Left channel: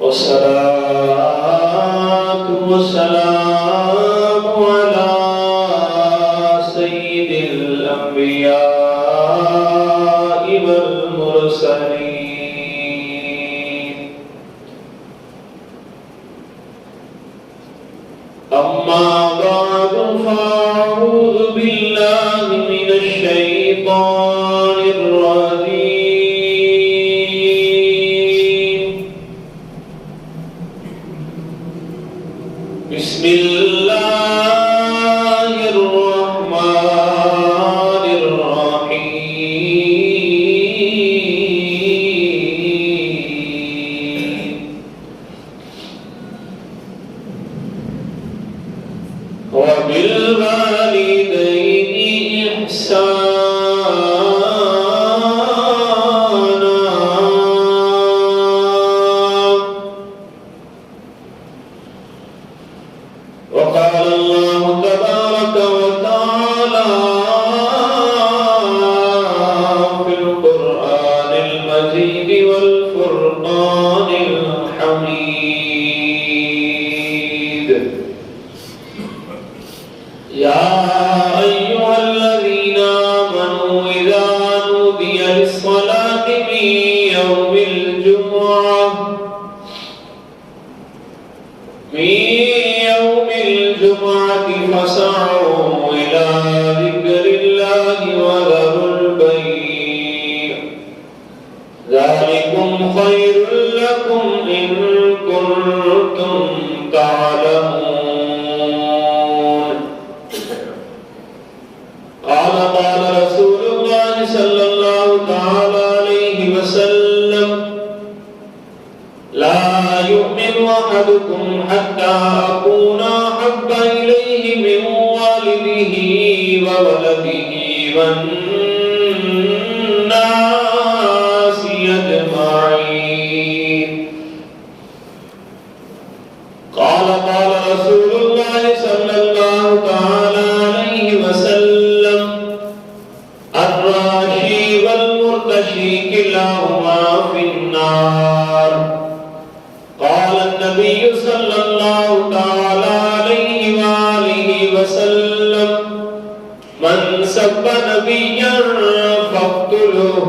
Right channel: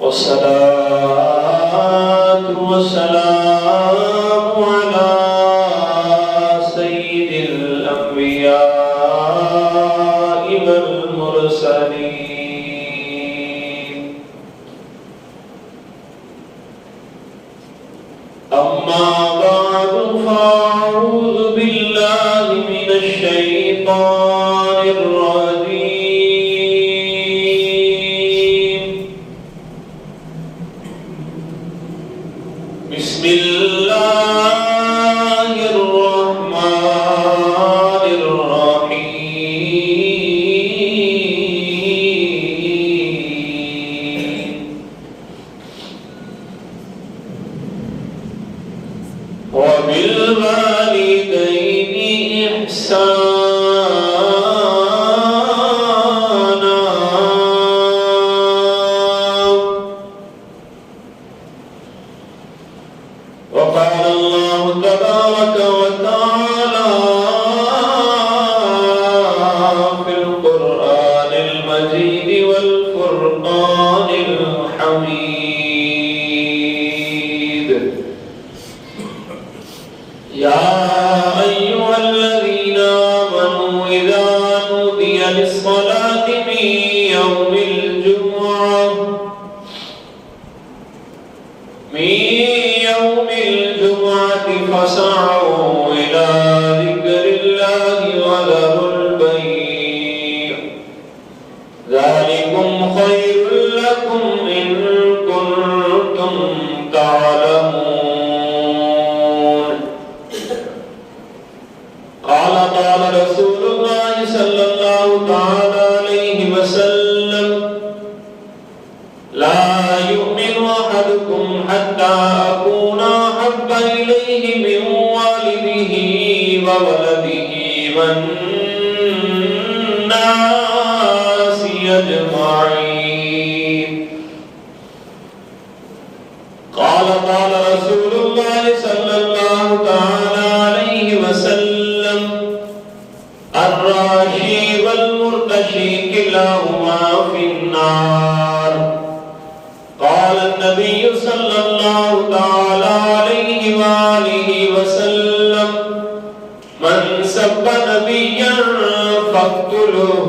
والصلاة والسلام على سيد الأنبياء والمرسلين. أما بعد فأعوذ بالله من الشيطان الرجيم. بسم الله الرحمن الرحيم. وبالوالدين إحسانا. وقال الله تبارك وتعالى في القرآن المجيد والفرقان الحميد: يا أيها الذين آمنوا إذا نودي للصلاة من يوم الجمعة فاسعوا إلى ذكر الله وذروا البيع، ذلكم خير لكم إن كنتم تعلمون. قال رسول الله صلى الله تعالى عليه وسلم: لا يؤمن أحدكم حتى أكون أحب إليه من والده وولده والناس أجمعين. قال رسول الله صلى الله تعالى عليه وسلم: الراشي والمرتشي كلاهما في النار. قال النبي صلى الله تعالى عليه وآله وسلم: من سب نبيا فاقتلوه.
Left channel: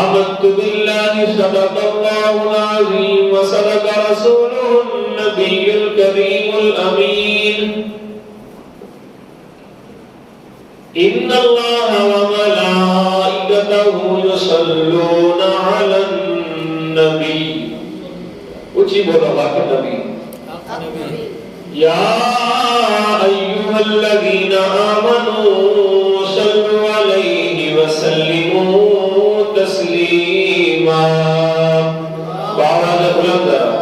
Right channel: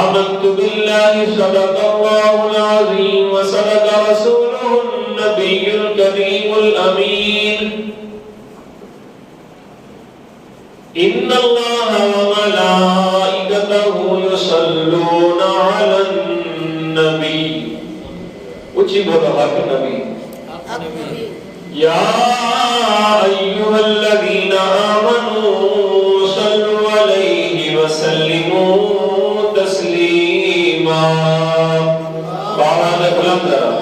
آمنت بالله صدق الله العظيم وصدق رسوله النبي الكريم الأمين. إن الله وملائكته يصلون على النبي. اچھی بولا باقی نبی. يا أيها الذين آمنوا صلوا عليه وسلموا تسليما. بارہ کلام ذرا.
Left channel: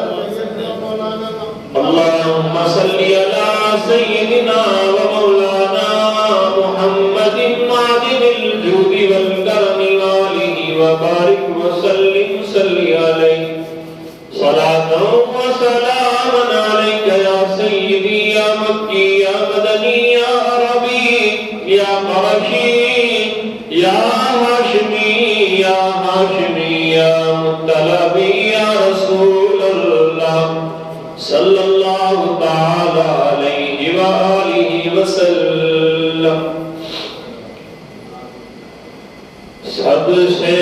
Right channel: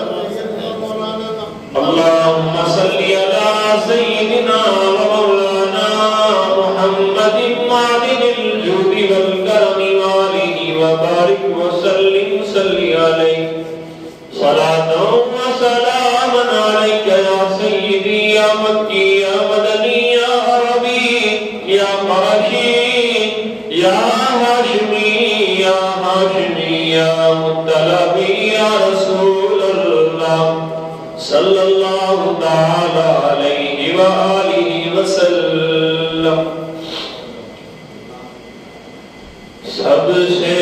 اللهم صل على سيدنا ومولانا محمد معدن الجود والكرم وآله وبارك وسلم. صل عليه صلاة وسلاما عليك يا سيدي يا مكي يا مدني يا عربي يا قرشي يا هاشمي يا هاشمي يا مطلبي يا رسول الله صلى الله تعالى عليه وآله وسلم. سب سے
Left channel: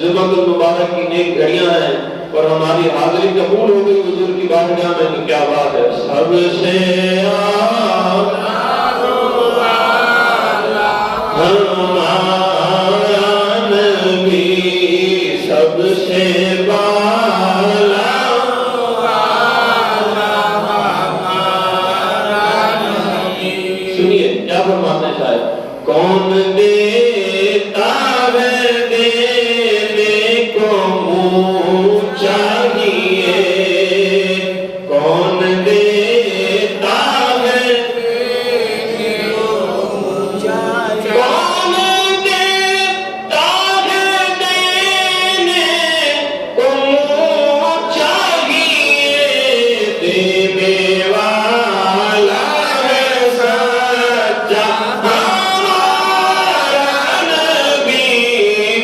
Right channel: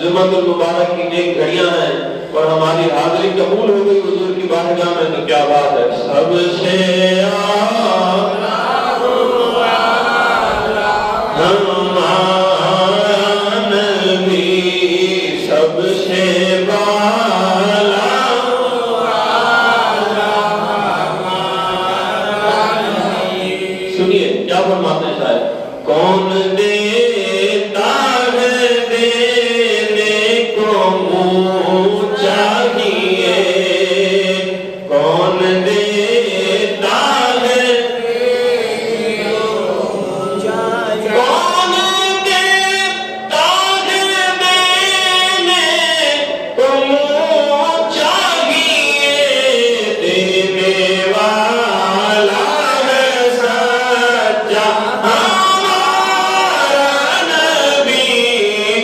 جمعۃ المبارک کی نیک گھڑیاں ہیں اور ہماری حاضری قبول ہو گئی حضور کی بارگاہ میں. تو کیا بات ہے. سب سے ہمارا نبی سب سے بالا. سنیے کیا فرماتے ہیں شاید؟ کون دیتا ہے دینے کو منہ چاہیے، کون دیتا ہے دینے کو منہ چاہیے، کون دیتا ہے دینے کو منہ چاہیے، دینے والا ہے سچا ہمارا نبی،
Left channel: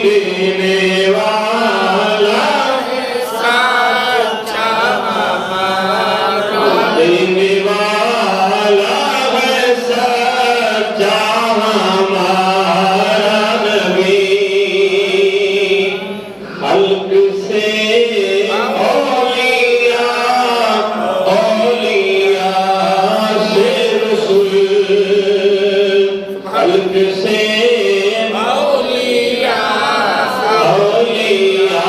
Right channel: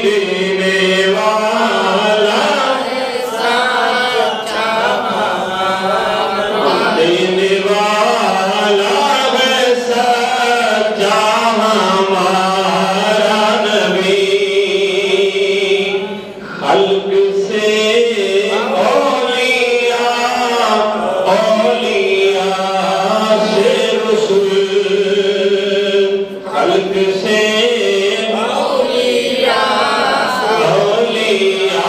دینے والا ہے سچا ہمارا، دینے والا ہے سچا ہمارا نبی، خلق سے اولیاء، اولیاء سے رسول، خلق سے اولیاء، اولیاء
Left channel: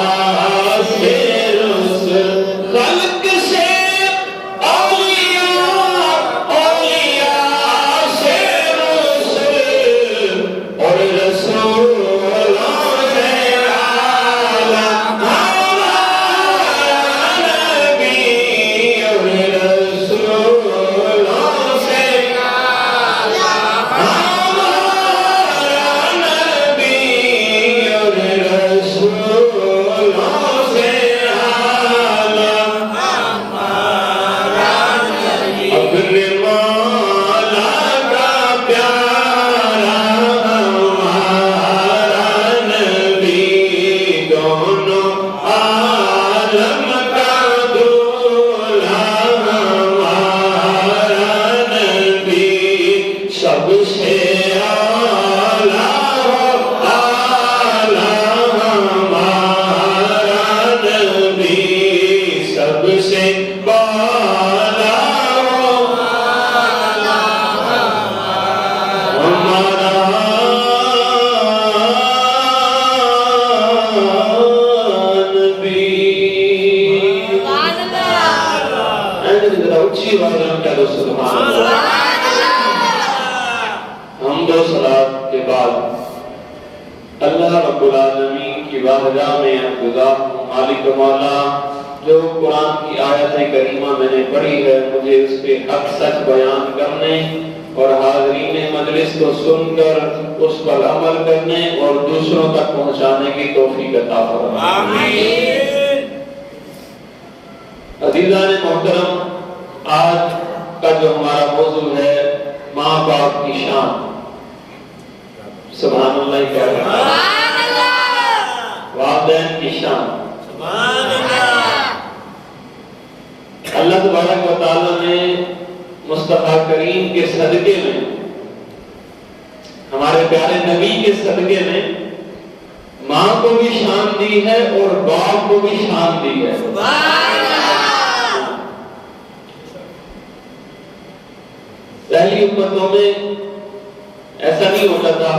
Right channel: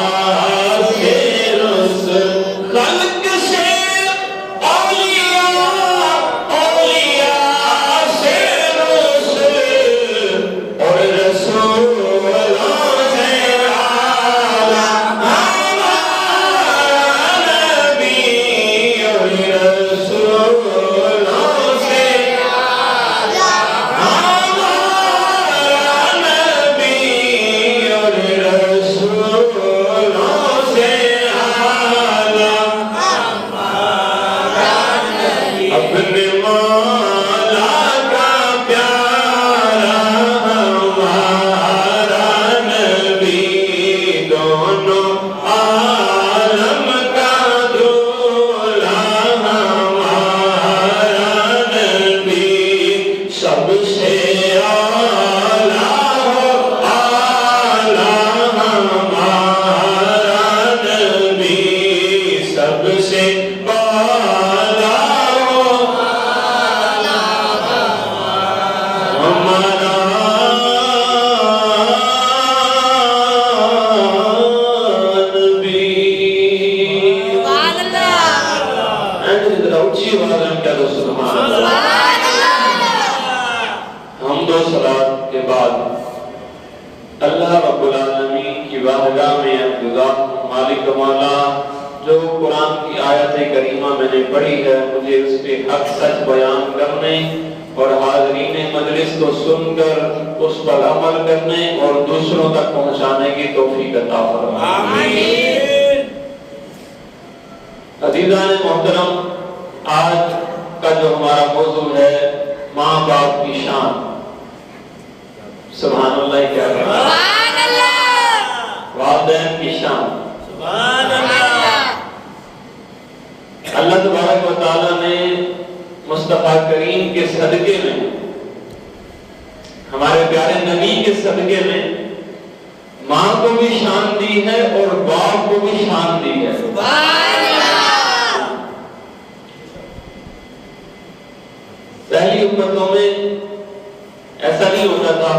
سے رسول، خلق سے اولیاء، اولیاء سے رسول، اور رسولوں سے اعلیٰ ہمارا نبی، اور رسولوں سے اعلیٰ ہمارا نبی، اور رسولوں سے اعلیٰ ہمارا نبی، اپنے مولا کا پیارا ہمارا نبی، دونوں عالم کا دولہا ہمارا نبی، سب سے اعلیٰ ہمارا نبی، سب سے بالا ہمارا نبی۔ ذرا اچھی آواز میں ہم کہہ دو سبحان اللہ۔ حمد و صلات کے بعد اللہ رب العالمین کی بارگاہ میں التجا، مالک و مولا، جو قرآن کی آیت کریمہ میں نے پڑھی ہے مجھے اس کے حق سچ بیان کرنے اور حاضرین مجلس کو سن کر اس پر عمل کرنے اور دوسروں تک پہنچانے کی توفیق عطا فرمائے۔ آمین۔ عزیزان محترم، آج کا جو ہمارا موضوع ہے ماں باپ کی شان، سبحان اللہ کہہ رہے ہیں، والدین کی شان، اللہ تبارک و تعالیٰ نے مصطفیٰ کریم کے صدقے میں، ہمارے پیارے نبی کے صدقے میں ماں کو بھی شان دی ہے اور باپ کو بھی شان دی ہے۔ پہلی امتوں میں ایسا نہیں ہوتا تھا،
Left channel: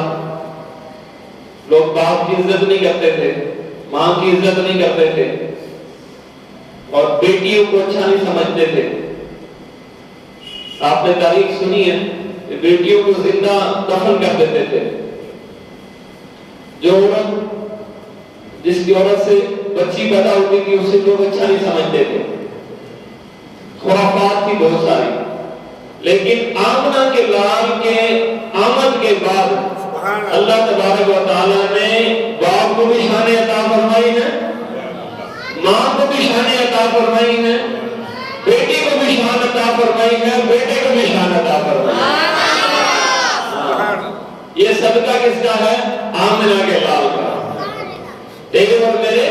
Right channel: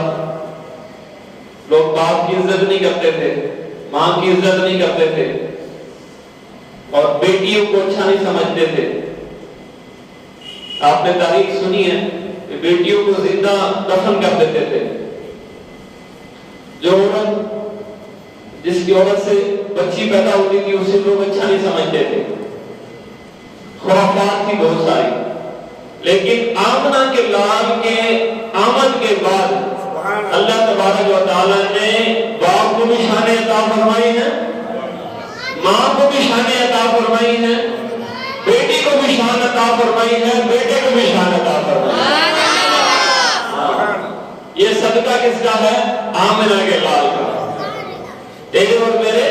لوگ باپ کی عزت نہیں کرتے تھے، ماں کی عزت نہیں کرتے تھے، اور بیٹیوں کو اچھا نہیں سمجھتے تھے۔ آپ نے تاریخ سنی ہے کہ بیٹیوں کو زندہ دفن کر دیتے تھے۔ جو عورت، جس کی عورت سے بچی پیدا ہوتی تھی اسے لوگ اچھا نہیں سمجھتے تھے، خرافات تھی بہت ساری۔ لیکن آمنہ کے لال کے آمد کے بعد اللہ تبارک و تعالیٰ نے باپ کو بھی شان عطا فرمائی ہے، ماں کو بھی شان عطا فرمائی ہے، بیٹی کو بھی شان عطا فرمائی ہے، بیٹے کو بھی شان عطا فرمائی ہے۔ یہ صدقہ کس کا ہے؟ آمنہ کے لال کا۔ تیرے اور میرے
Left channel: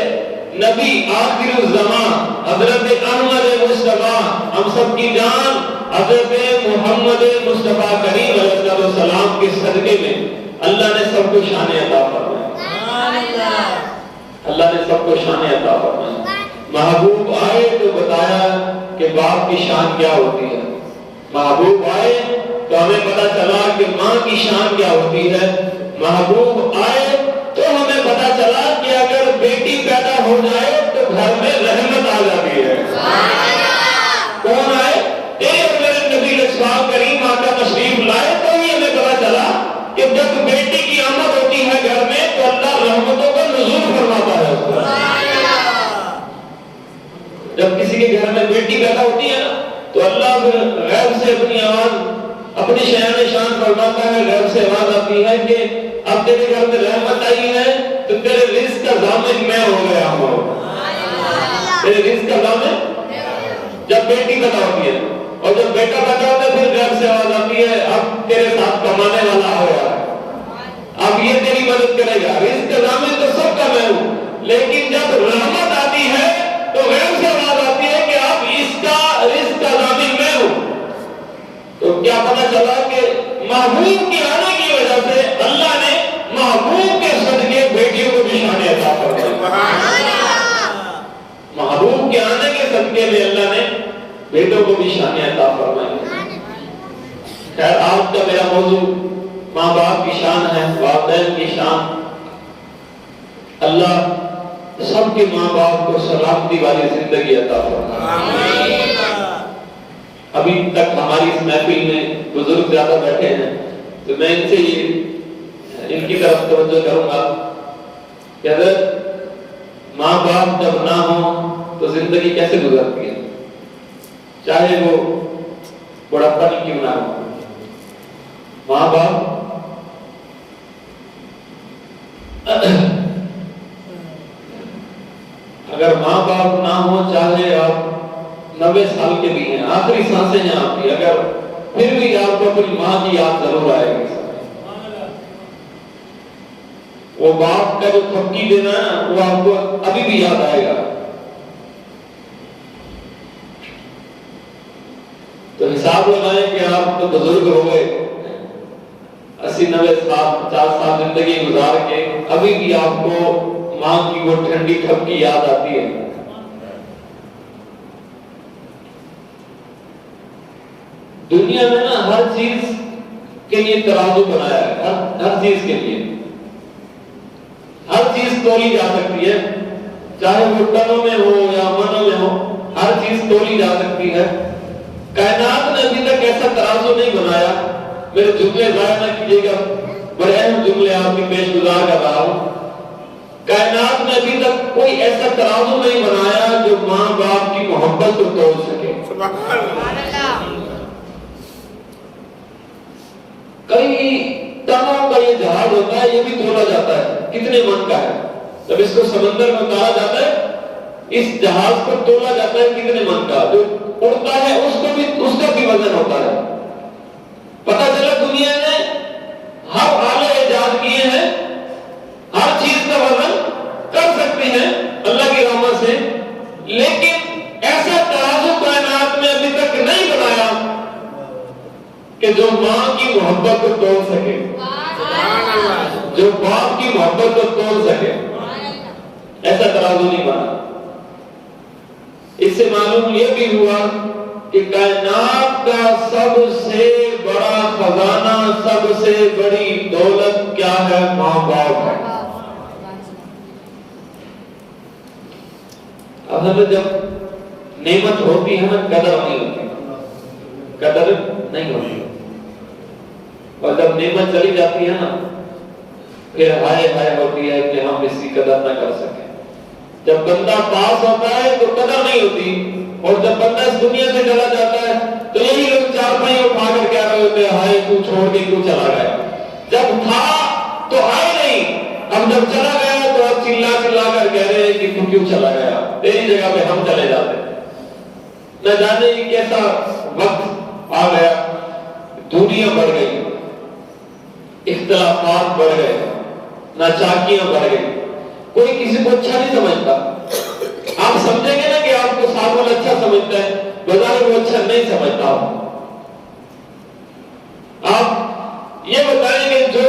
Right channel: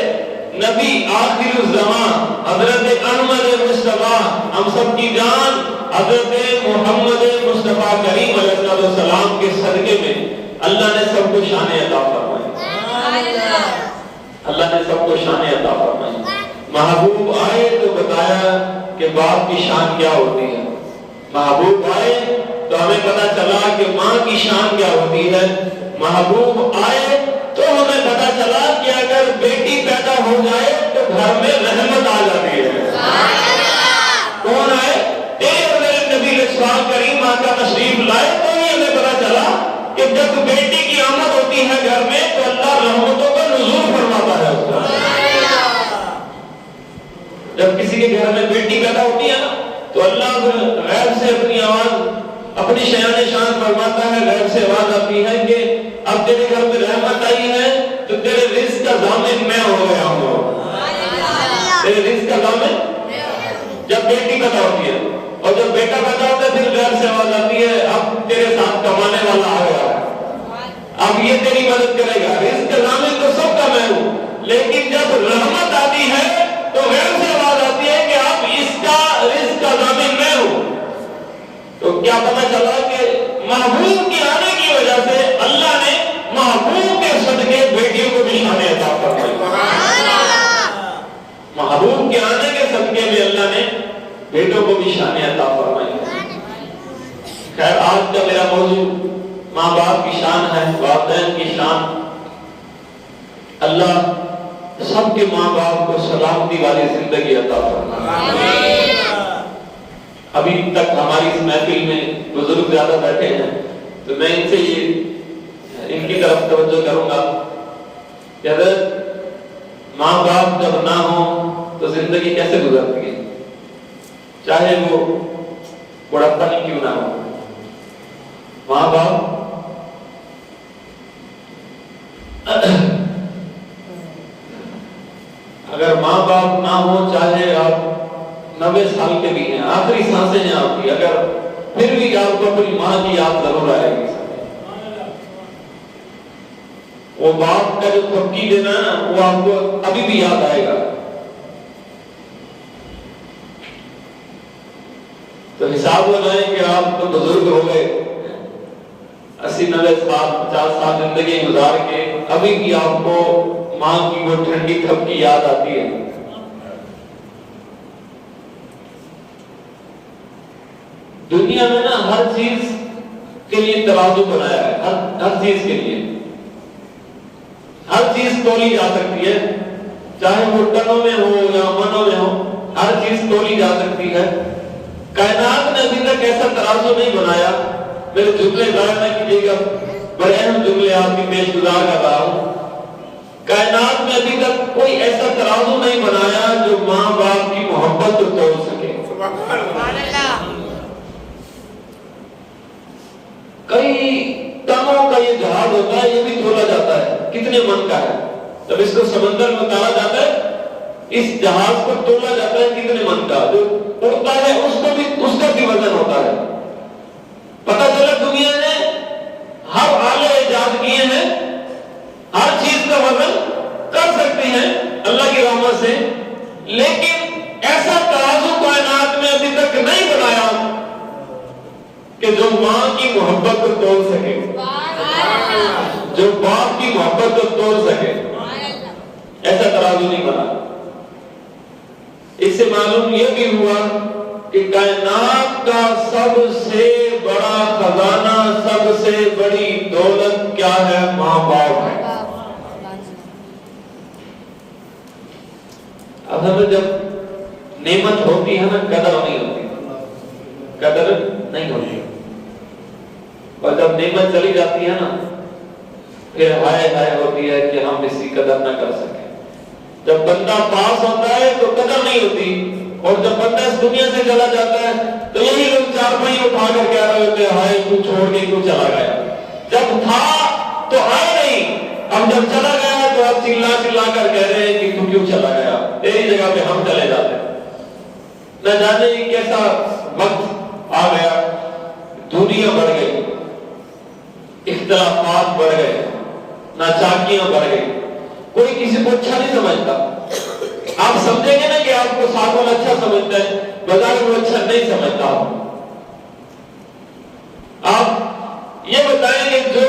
نبی آخر الزمان حضرت احمد مصطفیٰ، ہم سب کی جان حضرت محمد مصطفیٰ کریم علیہ السلام کے صدقے میں اللہ نے سب کو شان عطا فرمائی، اللہ نے سب کو شان عطا فرمائی۔ محبوب آئے تو بتایا کہ باپ کی شان کیا ہوتی ہے، محبوب آئے تو ہمیں پتا چلا کہ ماں کی شان کیا ہوتی ہے، محبوب آئے تو ہمیں پتا چلا کہ اگر بیٹی پیدا ہو جائے تو گھر میں رحمت آ جاتی ہے۔ کون آئے؟ تیرے میرے نبی کریم آقا تشریف لائے تو ہی ہمیں کہ جب بیٹی کی آمد ہوتی ہے گھر میں تو اللہ رحمتوں کا نزول فرماتا ہے اس پر۔ جب کسی کے گھر میں بیٹی پیدا ہوتی ہے نا تو اللہ غیب سے اپنی آواز، اپنی شان شان فرماتا ہے، غیب سے آواز آتی ہے کہ اب تیرے گھر میں رحمت آئی ہے تو تیرے رزق کا ضامن میں ہو گیا ہوں۔ تیرے رزق کا ضامن جب بیٹی پیدا ہوتی ہے، اور جب بیٹا پیدا ہوتا ہے پھر غیب سے آواز آتی ہے اب تیرے ساتھ کمانے والا آ گیا، اب یہ تیری مدد کرے گا۔ رزق کا ضامن تو سب کا میں ہوں، لیکن جب رحمت آتی ہے تو غیب سے آواز آتی ہے کہ اب اس کا رزق کا ضامن میں ہوں۔ تو کیا پتہ چلا کہ محبوب کے آنے کی وجہ سے اللہ نے محبوب کے صدقے بیٹیوں کو بھی شان عطا فرمائی۔ محبوب کے آنے کے صدقے میں اللہ نے بیٹوں کو بھی شان عطا فرمائی۔ خیر آج کا میرا موضوع ماں باپ کی شان ہے، والدین کی شان۔ اللہ سب کے ماں باپ کو سلامتی والی زندگی عطا فرمائے۔ ابھی تک ہماری اس محفل میں بزرگ زیادہ بیٹھے ہیں تو میں ان سے ان کی طرف توجہ کروں گا کہ اگر ماں باپ جب نہ ہوں تو زندگی کیسے گزرتی ہے، چاہے وہ بڑھاپا ہی کیوں نہ ہو۔ ماں باپ اگر ماں باپ نہ ہو، چاہے آپ 90 سال کے بھی ہیں، آخری سانسیں ہیں آپ کی، اگر پھر بھی آپ کو اپنی ماں کی یاد ضرور آئے گی۔ وہ باپ کا جو تھپکی دینا ہے نا وہ آپ کو ابھی بھی یاد آئے گا۔ تو حساب لگائیں کہ آپ تو بزرگ ہو گئے، 80-90 سال 50 سال زندگی گزار کے ابھی بھی آپ کو ماں کی وہ ٹھنڈی تھپکی یاد آتی ہے۔ دنیا میں نا ہر چیز کے لیے ترازو بنایا ہے، ہر چیز کے لیے ہر چیز تولی جا سکتی ہے، چاہے وہ ٹنوں میں ہو یا منوں میں ہو، ہر چیز تولی جا سکتی ہے۔ کائنات نے ابھی تک ایسا ترازو نہیں بنایا، میرے جملے ضائع نہ کیجیے گا، بڑے اہم جملے آپ کی پیش گزار کر رہا ہوں۔ کائنات نے ابھی تک کوئی ایسا ترازو نہیں بنایا جو ماں باپ کی محبت کو تول سکے۔ کئی ٹنوں کا یہ جہاز ہوتا ہے، یہ بھی تولا جاتا ہے کتنے من کا ہے۔ جب اس کو سمندر میں اتارا جاتا ہے، اس جہاز کو تولا جاتا ہے کتنے من کا، جو اڑتا ہے اس کا بھی وزن ہوتا ہے۔ پتہ چلا دنیا نے ہر آلے ایجاد کیے ہیں، ہر چیز کا وزن کر سکتے ہیں اللہ کی رحمت سے، لیکن ایسا ترازو کائنات میں ابھی تک نہیں بنایا کہ جو ماں کی محبت کو تول سکے، جو باپ کی محبت کو تول سکے، ایسا ترازو نہیں بنا۔ اس سے معلوم یہ بھی ہوا کہ کائنات کا سب سے بڑا خزانہ، سب سے بڑی دولت کیا ہے؟ ماں باپ ہے۔ اب ہمیں جب نعمت ہوتی ہے نا قدر نہیں ہوتی، قدر نہیں ہوتی، اور جب نعمت چلی جاتی ہے نا پھر ہائے ہائے ہوتی ہے کہ ہم اس کی قدر نہ کر سکیں۔ جب بندہ پاس ہوتا ہے تو قدر نہیں ہوتی، اور جب بندہ اس دنیا سے چلا جاتا ہے تو یہی لوگ چار پہیے اٹھا کر کہہ رہے ہوتے ہیں ہائے تو چھوڑ کے کیوں چلا گیا۔ جب تھا تو آئے نہیں، اب جب چلا گیا تو اب چلا چلا کر کہہ رہے ہیں کہ تو کیوں چلا گیا، تیری جگہ پہ ہم چلے جاتے ہیں۔ نہ جانے کیسا وقت آ گیا، دنیا بڑھ گئی، اختلافات بڑھ گئے، ناچاکیاں بڑھ گئی، کوئی کسی کو اچھا نہیں سمجھتا۔ آپ سمجھیں گے نا کہ آپ کو ساتھ والا اچھا سمجھتا ہے، بظاہر وہ اچھا نہیں سمجھتا۔ آپ یہ بتائیں کہ جو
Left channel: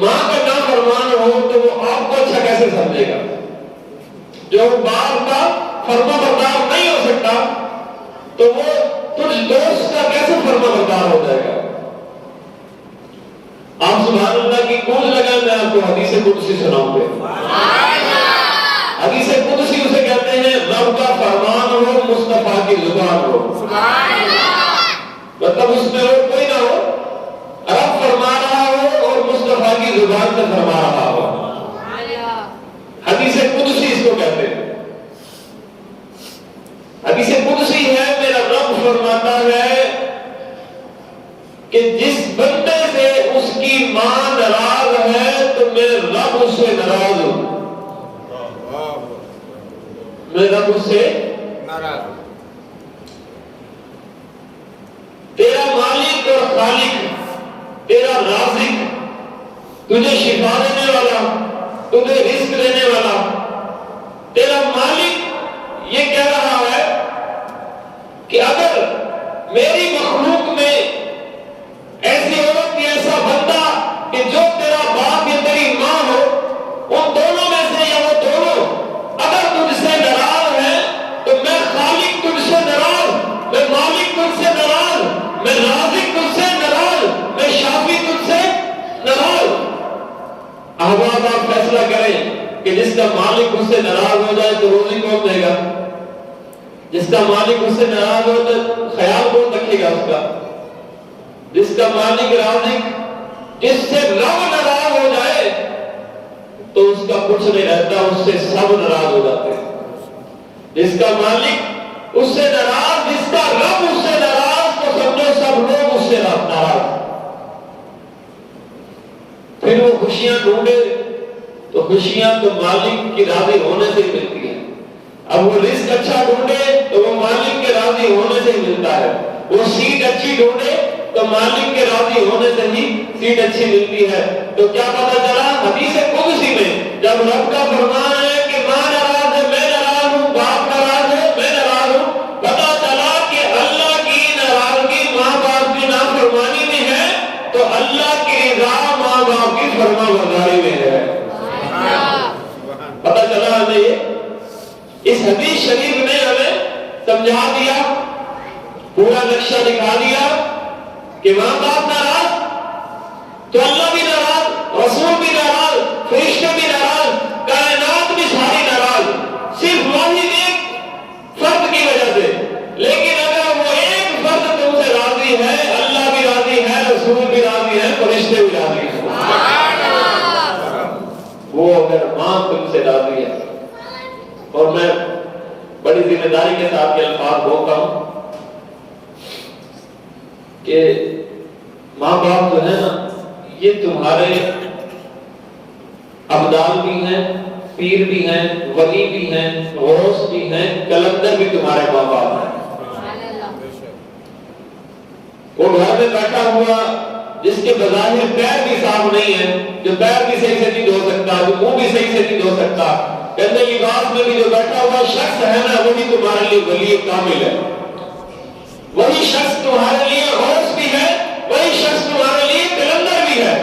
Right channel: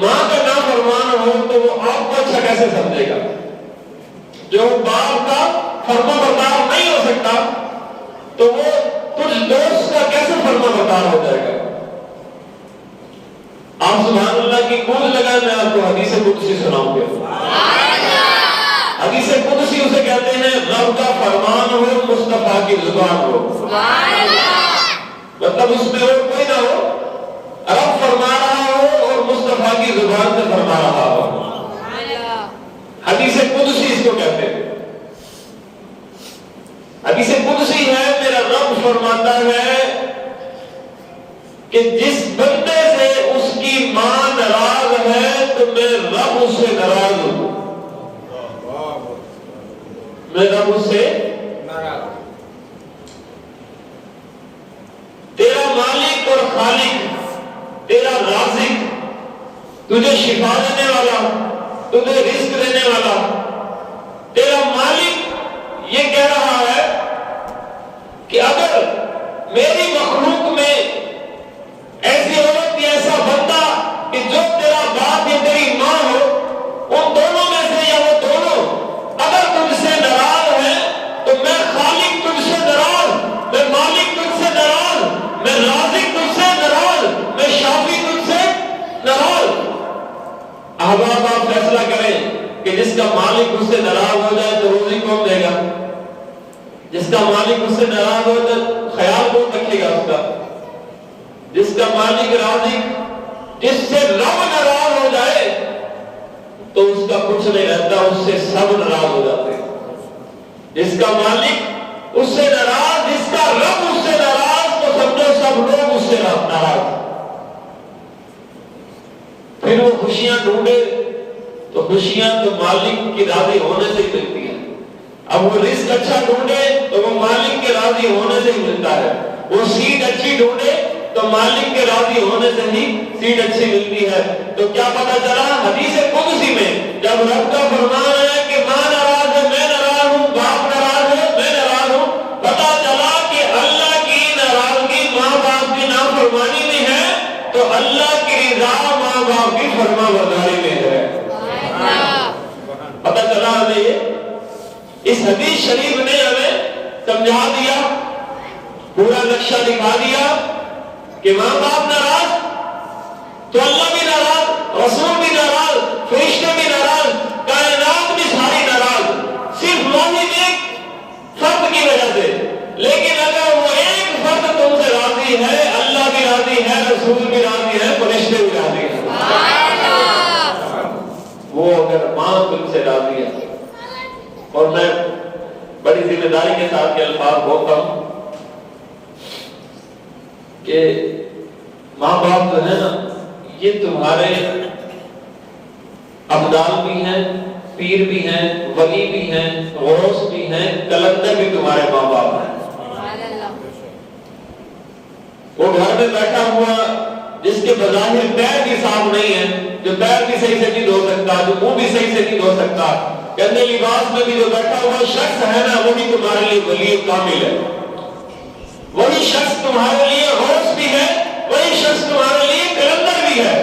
ماں کا نافرمان ہو تو وہ آپ کو اچھا کیسے سمجھے گا؟ جو باپ کا فرما بردار نہیں ہو سکتا تو وہ کچھ دوست کا کیسے فرما بردار ہو جائے گا؟ آپ سبحان اللہ کی گونج لگائیں، میں آپ کو حدیث قدسی سناؤں گا۔ حدیث قدسی اسے کہتے ہیں رب کا فرمان ہو، مصطفیٰ کی زبان ہو، مطلب اس میں اور کوئی نہ ہو، رب فرما رہا ہو اور نازل فرما رہا ہو. حدیث قدسی اس کو کہتے ہیں. حدیث قدسی ہے، میرا رب فرماتا ہے کہ جس بندے سے اس کی ماں ناراض ہے تو میں رب اس سے ناراض ہوں. میں رب اس سے ناراض. تیرا مالک اور خالق، تیرا رازق، تجھے شفا دینے والا، تجھے رزق دینے والا، تیرا مالک یہ کہہ رہا ہے کہ اگر میری مخلوق میں ایسی عورت یا ایسا بندہ کہ جو تیرا باپ یا تیری ماں ہو، ان دونوں میں سے یا وہ دونوں اگر تجھ سے ناراض ہے تو میں خالق تجھ سے ناراض، میں مالک تجھ سے ناراض، میں رازق تجھ سے ناراض، میں شافی تجھ سے ناراض. احباب آپ فیصلہ کریں کہ جس کا مالک اس سے ناراض ہو جائے تو روزی کون دے گا؟ جس کا مالک اس سے ناراض ہو تو خیال کون رکھے گا اس کا؟ جس کا مالک رازق، جس سے رب ناراض ہو جائے تو اس کا کچھ نہیں رہتا، اس سے سب ناراض ہو جاتے ہیں. جس کا مالک اس سے ناراض، جس کا رب اس سے ناراض تو سمجھو سب لوگ اس سے ناراض. پھر وہ خوشیاں ڈھونڈے تو خوشیاں تو مالک کی راضی ہونے سے ہی ملتی ہیں. اب وہ رزق اچھا ڈھونڈے تو وہ مالک کے راضی ہونے سے ہی ملتا ہے. وہ سیٹ اچھی ڈھونڈے تو مالک کے راضی ہونے سے ہی سیٹ اچھی ملتی ہے. تو کیا پتہ چلا حدیث قدسی میں جب رب کا فرمان ہے کہ ماں ناراض ہے میں ناراض ہوں، باپ ناراض ہے میں ناراض ہوں، پتہ چلا کہ اللہ کی ناراضگی ماں باپ کی نافرمانی میں ہے تو اللہ کی رضا ماں باپ کی فرما برداری میں ہے. پتہ چلا ہمیں یہ اس حدیث شریف نے ہمیں سمجھا دیا، پورا نقشہ دکھا دیا کہ ماں باپ ناراض تو اللہ بھی ناراض، رسول بھی ناراض، فرشتے بھی ناراض، کائنات بھی ساری ناراض، صرف واحد ایک فرد کی وجہ سے. لیکن اگر وہ ایک فرد تم سے راضی ہے، اللہ بھی راضی ہے، رسول بھی راضی ہے، فرشتے بھی راضی ہیں. وہ اگر ماں تم سے راضی ہے، اور میں بڑی ذمہ داری کے ساتھ یہ الفاظ بولتا ہوں کہ ماں باپ جو ہے نا یہ تمہارے ابدال بھی ہیں، پیر بھی ہیں، ولی بھی ہیں، غوث بھی ہیں، کلندر بھی تمہارے ماں باپ ہیں. وہ گھر میں بیٹھا ہوا جس کے بظاہر پیر بھی صاف نہیں ہے، جو پیر بھی صحیح سے نہیں دھو سکتا، جو منہ بھی صحیح سے نہیں دھو سکتا، کہتے لباس میں بھی جو بیٹھا ہوا شخص ہے نا وہی تمہارے لیے ولی کامل ہے. وہی شخص تمہارے لیے غوث بھی ہے، وہی شخص تمہارے لیے کلندر بھی ہے.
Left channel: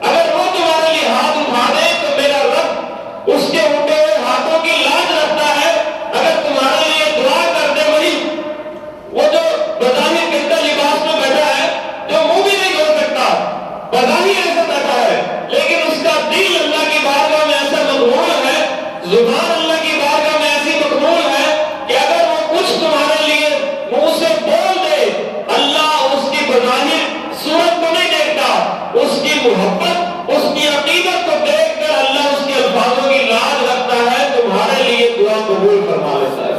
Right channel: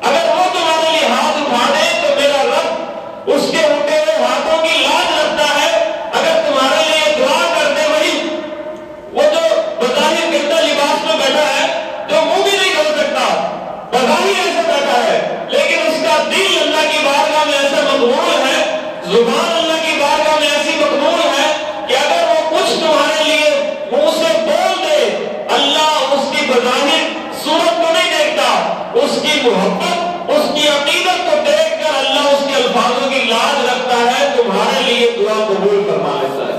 اگر وہ تمہارے لیے ہاتھ اٹھا دے تو میرا رب اس کے اٹھے ہوئے ہاتھوں کی لاج رکھتا ہے. اگر تمہارے لیے دعا کر دے وہی وہ جو بظاہر گندا لباس میں بیٹھا ہے، جو منہ بھی نہیں دھو سکتا، بظاہر ایسا بیٹھا ہے لیکن اس کا دل اللہ کی بارگاہ میں ایسا مقبول ہے، زبان اللہ کی بارگاہ میں ایسی مقبول ہے کہ اگر وہ کچھ تمہارے لیے منہ سے بول دے، اللہ اس کی بظاہر صورت کو نہیں دیکھتا، اس کی محبت، اس کی عقیدت کو دیکھ کر اللہ اس کے الفاظوں کی لاج رکھتا ہے، تمہارے لیے دعا قبول فرما لیتا ہے،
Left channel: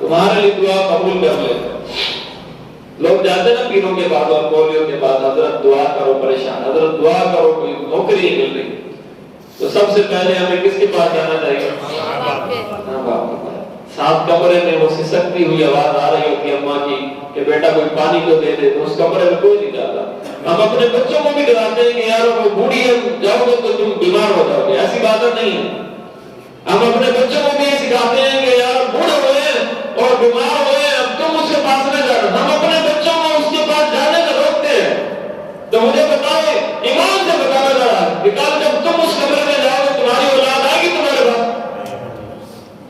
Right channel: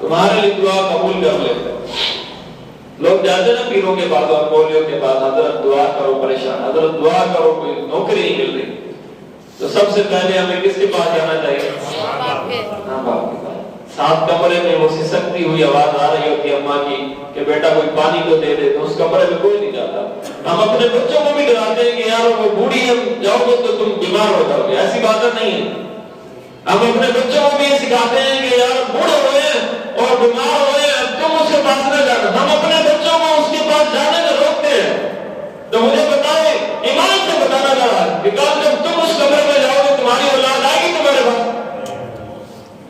تمہارے لیے دعا قبول کر لیتا ہے. لوگ جاتے ہیں نا پیروں کے بعد اور مولیوں کے بعد، حضرت دعا کرو، پریشان، حضرت دعا کرو کوئی نوکری نہیں مل رہی. تو سب سے پہلے ہمیں کس کے پاس جانا چاہیے؟ ماں باپ کے پاس. ساتھ کمرے میں وہ سسکتی ہوئی آواز آ رہی ہوتی ہے اماں کی کہ بیٹا کوئی پانی تو دے دے، تو اس کمرے میں کوئی نہیں جاتا. ہم اپنے بچوں کو بھی ڈراتے ہیں کہ یار وہ بوڑھی ہے، جاؤ گے تو تم بیمار ہو جاؤ گے. ایسی بات نہیں ہے. ہم اپنے بچوں کو بھی یہ سکھاتے ہیں کہ یار بوڑھے ہوئے اور بیمار ہوئے، اب تم اس کے پاس نہ جانا. ہم اپنے بچوں کو اس کے پاس جانے سے روکتے ہیں. تو مجھے بتائے، ایمان سے بتانا چاہ رہا کہ کل جب تم اس کمرے میں جاؤ گے تمہاری اولاد آئے گی تمہارے پاس؟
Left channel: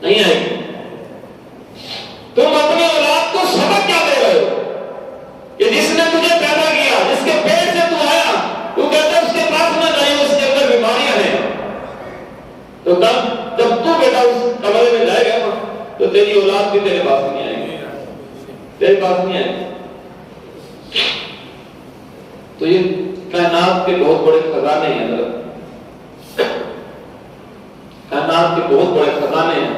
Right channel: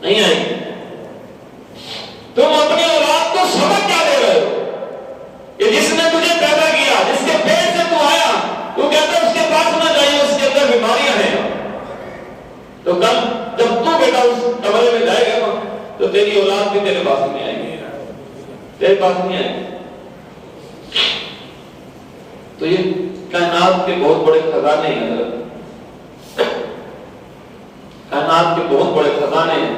نہیں آئے گی. تم اپنی اولاد کو سبق کیا دے رہے ہو کہ جس نے تجھے پیدا کیا، جس کے پیٹ سے تو آیا، تو کہتے اس کے پاس نہ جائیے، اس کے اندر بیماریاں ہیں. تو کل جب تو بیٹا اس کمرے میں جائے گا تو تیری اولاد بھی تیرے پاس نہیں آئے گی، تیرے پاس نہیں آئے گی. تو یہ کائنات کے بہت بڑے خزانے ہیں حضرت، کائنات کے بہت بڑے خزانے ہیں.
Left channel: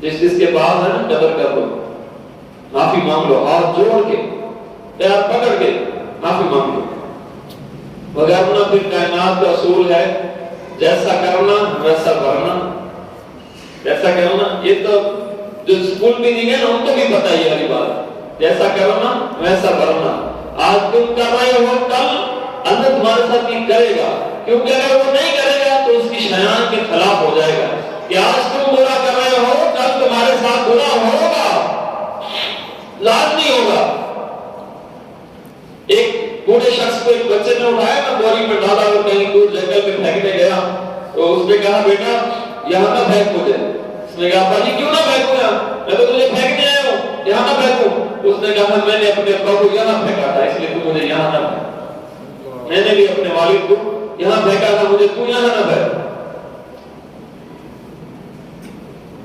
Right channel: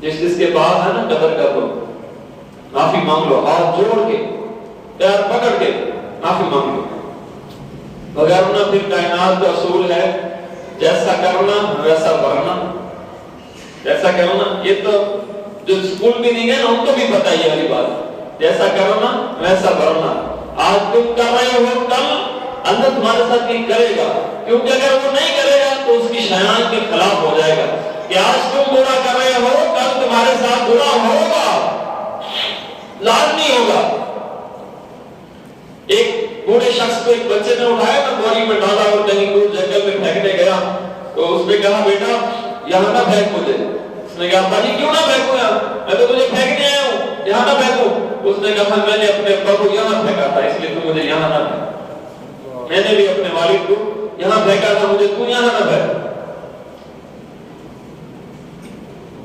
جس کے پاس ہے نا قدر کر لو، معافی مانگ لو، ہاتھ جوڑ کے پیار پکڑ کے معافی مانگ لو. وغیرہ پھر کائنات کا اصول ہے جیسا کرنا ویسا بھرنا. جیسا کرنا یہ تو جو اسکول بھی نہیں گئے نا ان کو بھی پتہ ہی والی بات ہے. جیسا کرنا ویسا بھرنا. آج تم کر رہے ہو کل اللہ تمہارے ساتھ بھی کرے گا، کیونکہ اگر وہ نہیں کرے گا تو اس کی شایان کے خلاف ہو جائے گا. کہ آج تم برا کر رہے ہو کل تمہارے ساتھ برا ہوگا، لازمی ہوگا. ایک بوڑھے شخص کو ایک بچے نے اٹھایا نا بوری میں ڈالا اور کہیں دور جنگل میں پھینکنے گیا تو اس نے کہا بیٹا یہاں نہ پھینک مجھے. اس نے کہا ابا جی کیوں نہ پھینکوں یہاں، میں تو تجھے پھینکنے آیا ہوں، یہاں نہ پھینکوں. اس نے کہا میں نے اپنے ابا کو یہاں پھینکا تھا اس لیے تو مجھے یہاں نہ پھینک. میں نے بھی اپنے والد کو یہاں پھینکا تھا مجھے تو یہاں نہ پھینک.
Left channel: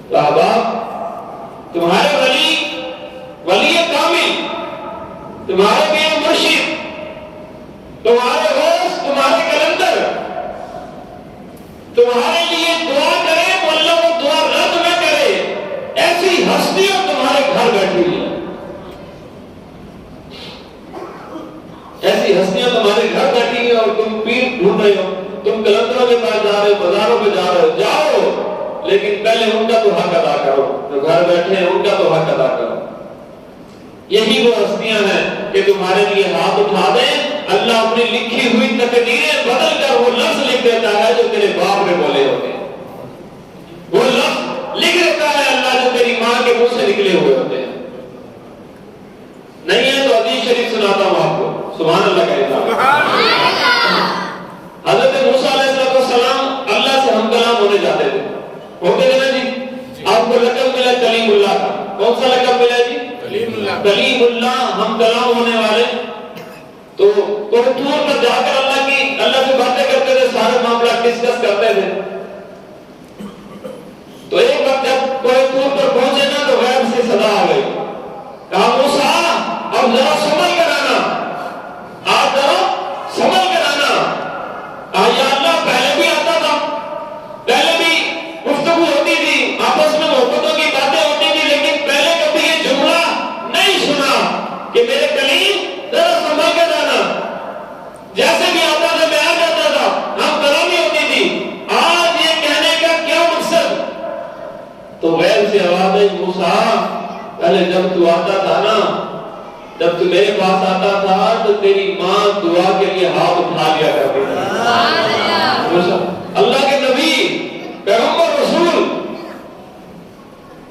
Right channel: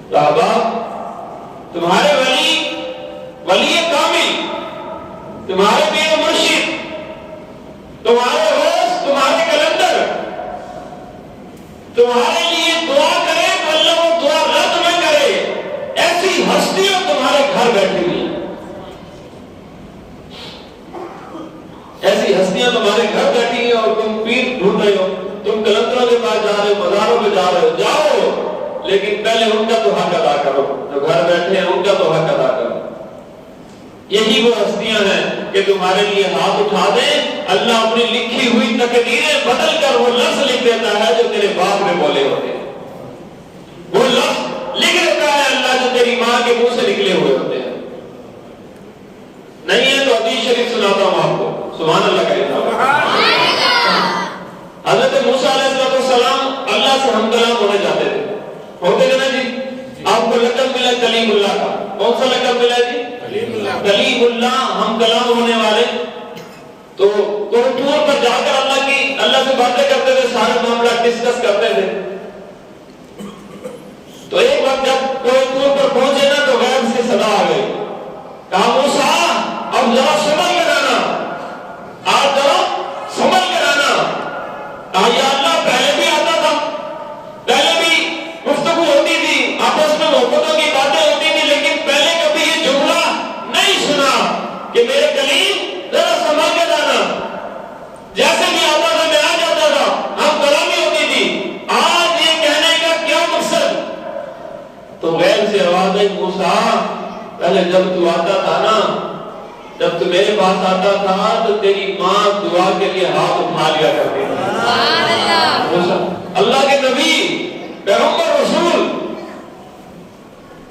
تو احباب تمہارے ولی کامل، تمہارے پیر و مرشد، تمہارے ہوش، تمہارے کلندر تمہارے لیے دعا کرے تو اللہ وہ دعا رد نہ کرے. ایسی ہستیاں تمہارے گھر بیٹھی ہوئی ہیں، ایسی ہستیاں تمہارے گھر بیٹھی ہیں اور تم پیر ڈھونڈ رہے ہو، تم کلندروں کے پاس جا رہے ہو، مزاروں پہ جا رہے ہو. جاؤ لیکن پہلے ان کا تو حق ادا کرو، جو گھر بیٹھے ہیں ان کا تو حق ادا کرو. یہی وہ ہستیاں ہیں کہ تمہارے لیے ہاتھ اٹھا دیں. اللہ اپنی لکھی ہوئی تقدیریں بدل کر وہ لفظ لکھ دیتا ہے جو تیرے باپ نے بولے ہوتے ہیں. وہ لفظ لکھ دیتا ہے اللہ جو تیری ماں کے منہ سے نکلے ہوئے ہوتے ہیں. نہیں ہے تو حدیث شریف سناتا ہوں آپ کو. سبحان اللہ کا. حضرت موسیٰ علیہ السلام اللہ سے ہم کلام ہونے جاتے تھے، ہوتے تھے نا جی. آپ کو لقب ملا کلیم اللہ کا. کون سا لقب ملا جی؟ کلیم اللہ، ہم کلام ہونے والے. تو کوئی ٹور پر جا کر اللہ سے باتیں کرتے تھے، سارے معاملہ ڈسکس کرتے تھے. تو ایک وقت جب کوئی ٹور پر پہنچے نا تو غیب سے صدا آ گئی. کہا موسیٰ اب ذرا سنبھل کر آنا، آج ذرا سنبھل کر آنا. یا اللہ پہلے بھی آتا تھا، پہلے بھی گفتگو ہوتی تھی، آپس میں محبتوں کی باتیں ہوتی تھی، لیکن پہلے کبھی یہ جملہ نہیں سنا کہ میرے کلیم ذرا سنبھل کر آنا. جیسے بھی آتا تھا میں آ جاتا تھا، ہم کلامی ہوتی تھی. آج یہ کہنے کا کیا مقصد؟ تو غیر سے آواز آئی موسیٰ پہلے جب تو آتا تھا نا، جب تو میرے پاس آتا تھا تو تیری ماں دعا کے لیے ہاتھ اٹھا لیا کرتی تھی. اللہ کے نبی پیغمبر رسول،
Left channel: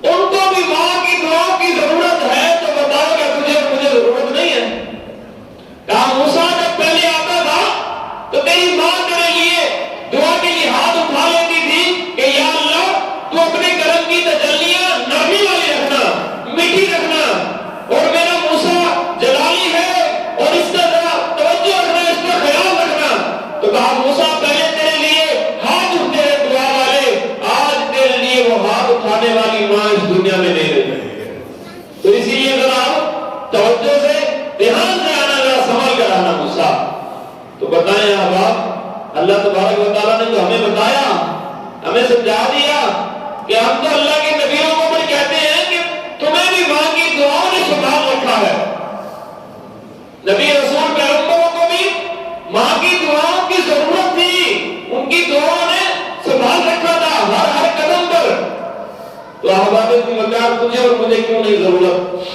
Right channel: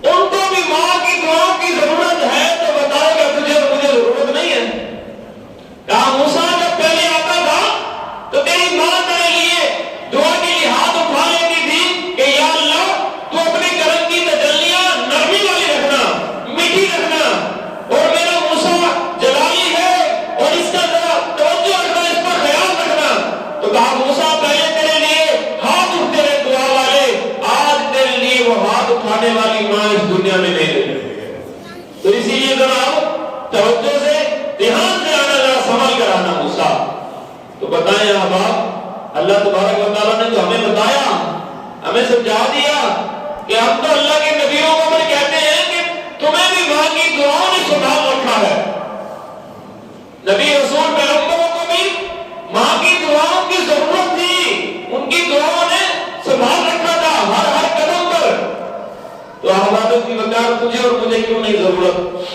ان کو بھی ماں کی دعا کی ضرورت ہے تو بتائے گا تجھے اور مجھے ضرورت نہیں ہے. کہا موسیٰ جب پہلے آتا تھا تو تیری ماں تیرے لیے دعا کے لیے ہاتھ اٹھا لیتی تھی کہ یا اللہ تو اپنے کرم کی تجلیاں نرمی والی رکھنا، میٹھی رکھنا، اور میرا موسیٰ جلالی ہے اور اس کا ذرا توجہ رکھنا، اس پر خیال رکھنا. تو کہا موسیٰ پہلے تیرے لیے ہاتھ اٹھتے ہیں دعا والے، آج تیرے لیے وہ ہاتھ اٹھانے والی ماں اس دنیا میں نہیں رہی. تو اسی لیے ذرا توجہ سے دھیان سے آنا، ذرا سنبھل کر آنا موسیٰ. تو بتائیں احباب اللہ تبارک و تعالیٰ نے تو ہمیں بتایا، ہمیں سمجھا دیا کہ ہم تو اللہ کے نبیوں کو بھی کہتے ہیں کہ تمہیں بھی ماں کی دعاؤں نے سنبھال رکھا ہے. نبی رسول پیغمبروں کو بھی ماں کی دعاؤں کی ضرورت تھی، ان کی دعاؤں نے سنبھال رکھا تھا ہر قدم پر. تو احباب کی وقار تجھے اور مجھے کیوں نہیں ضرورت؟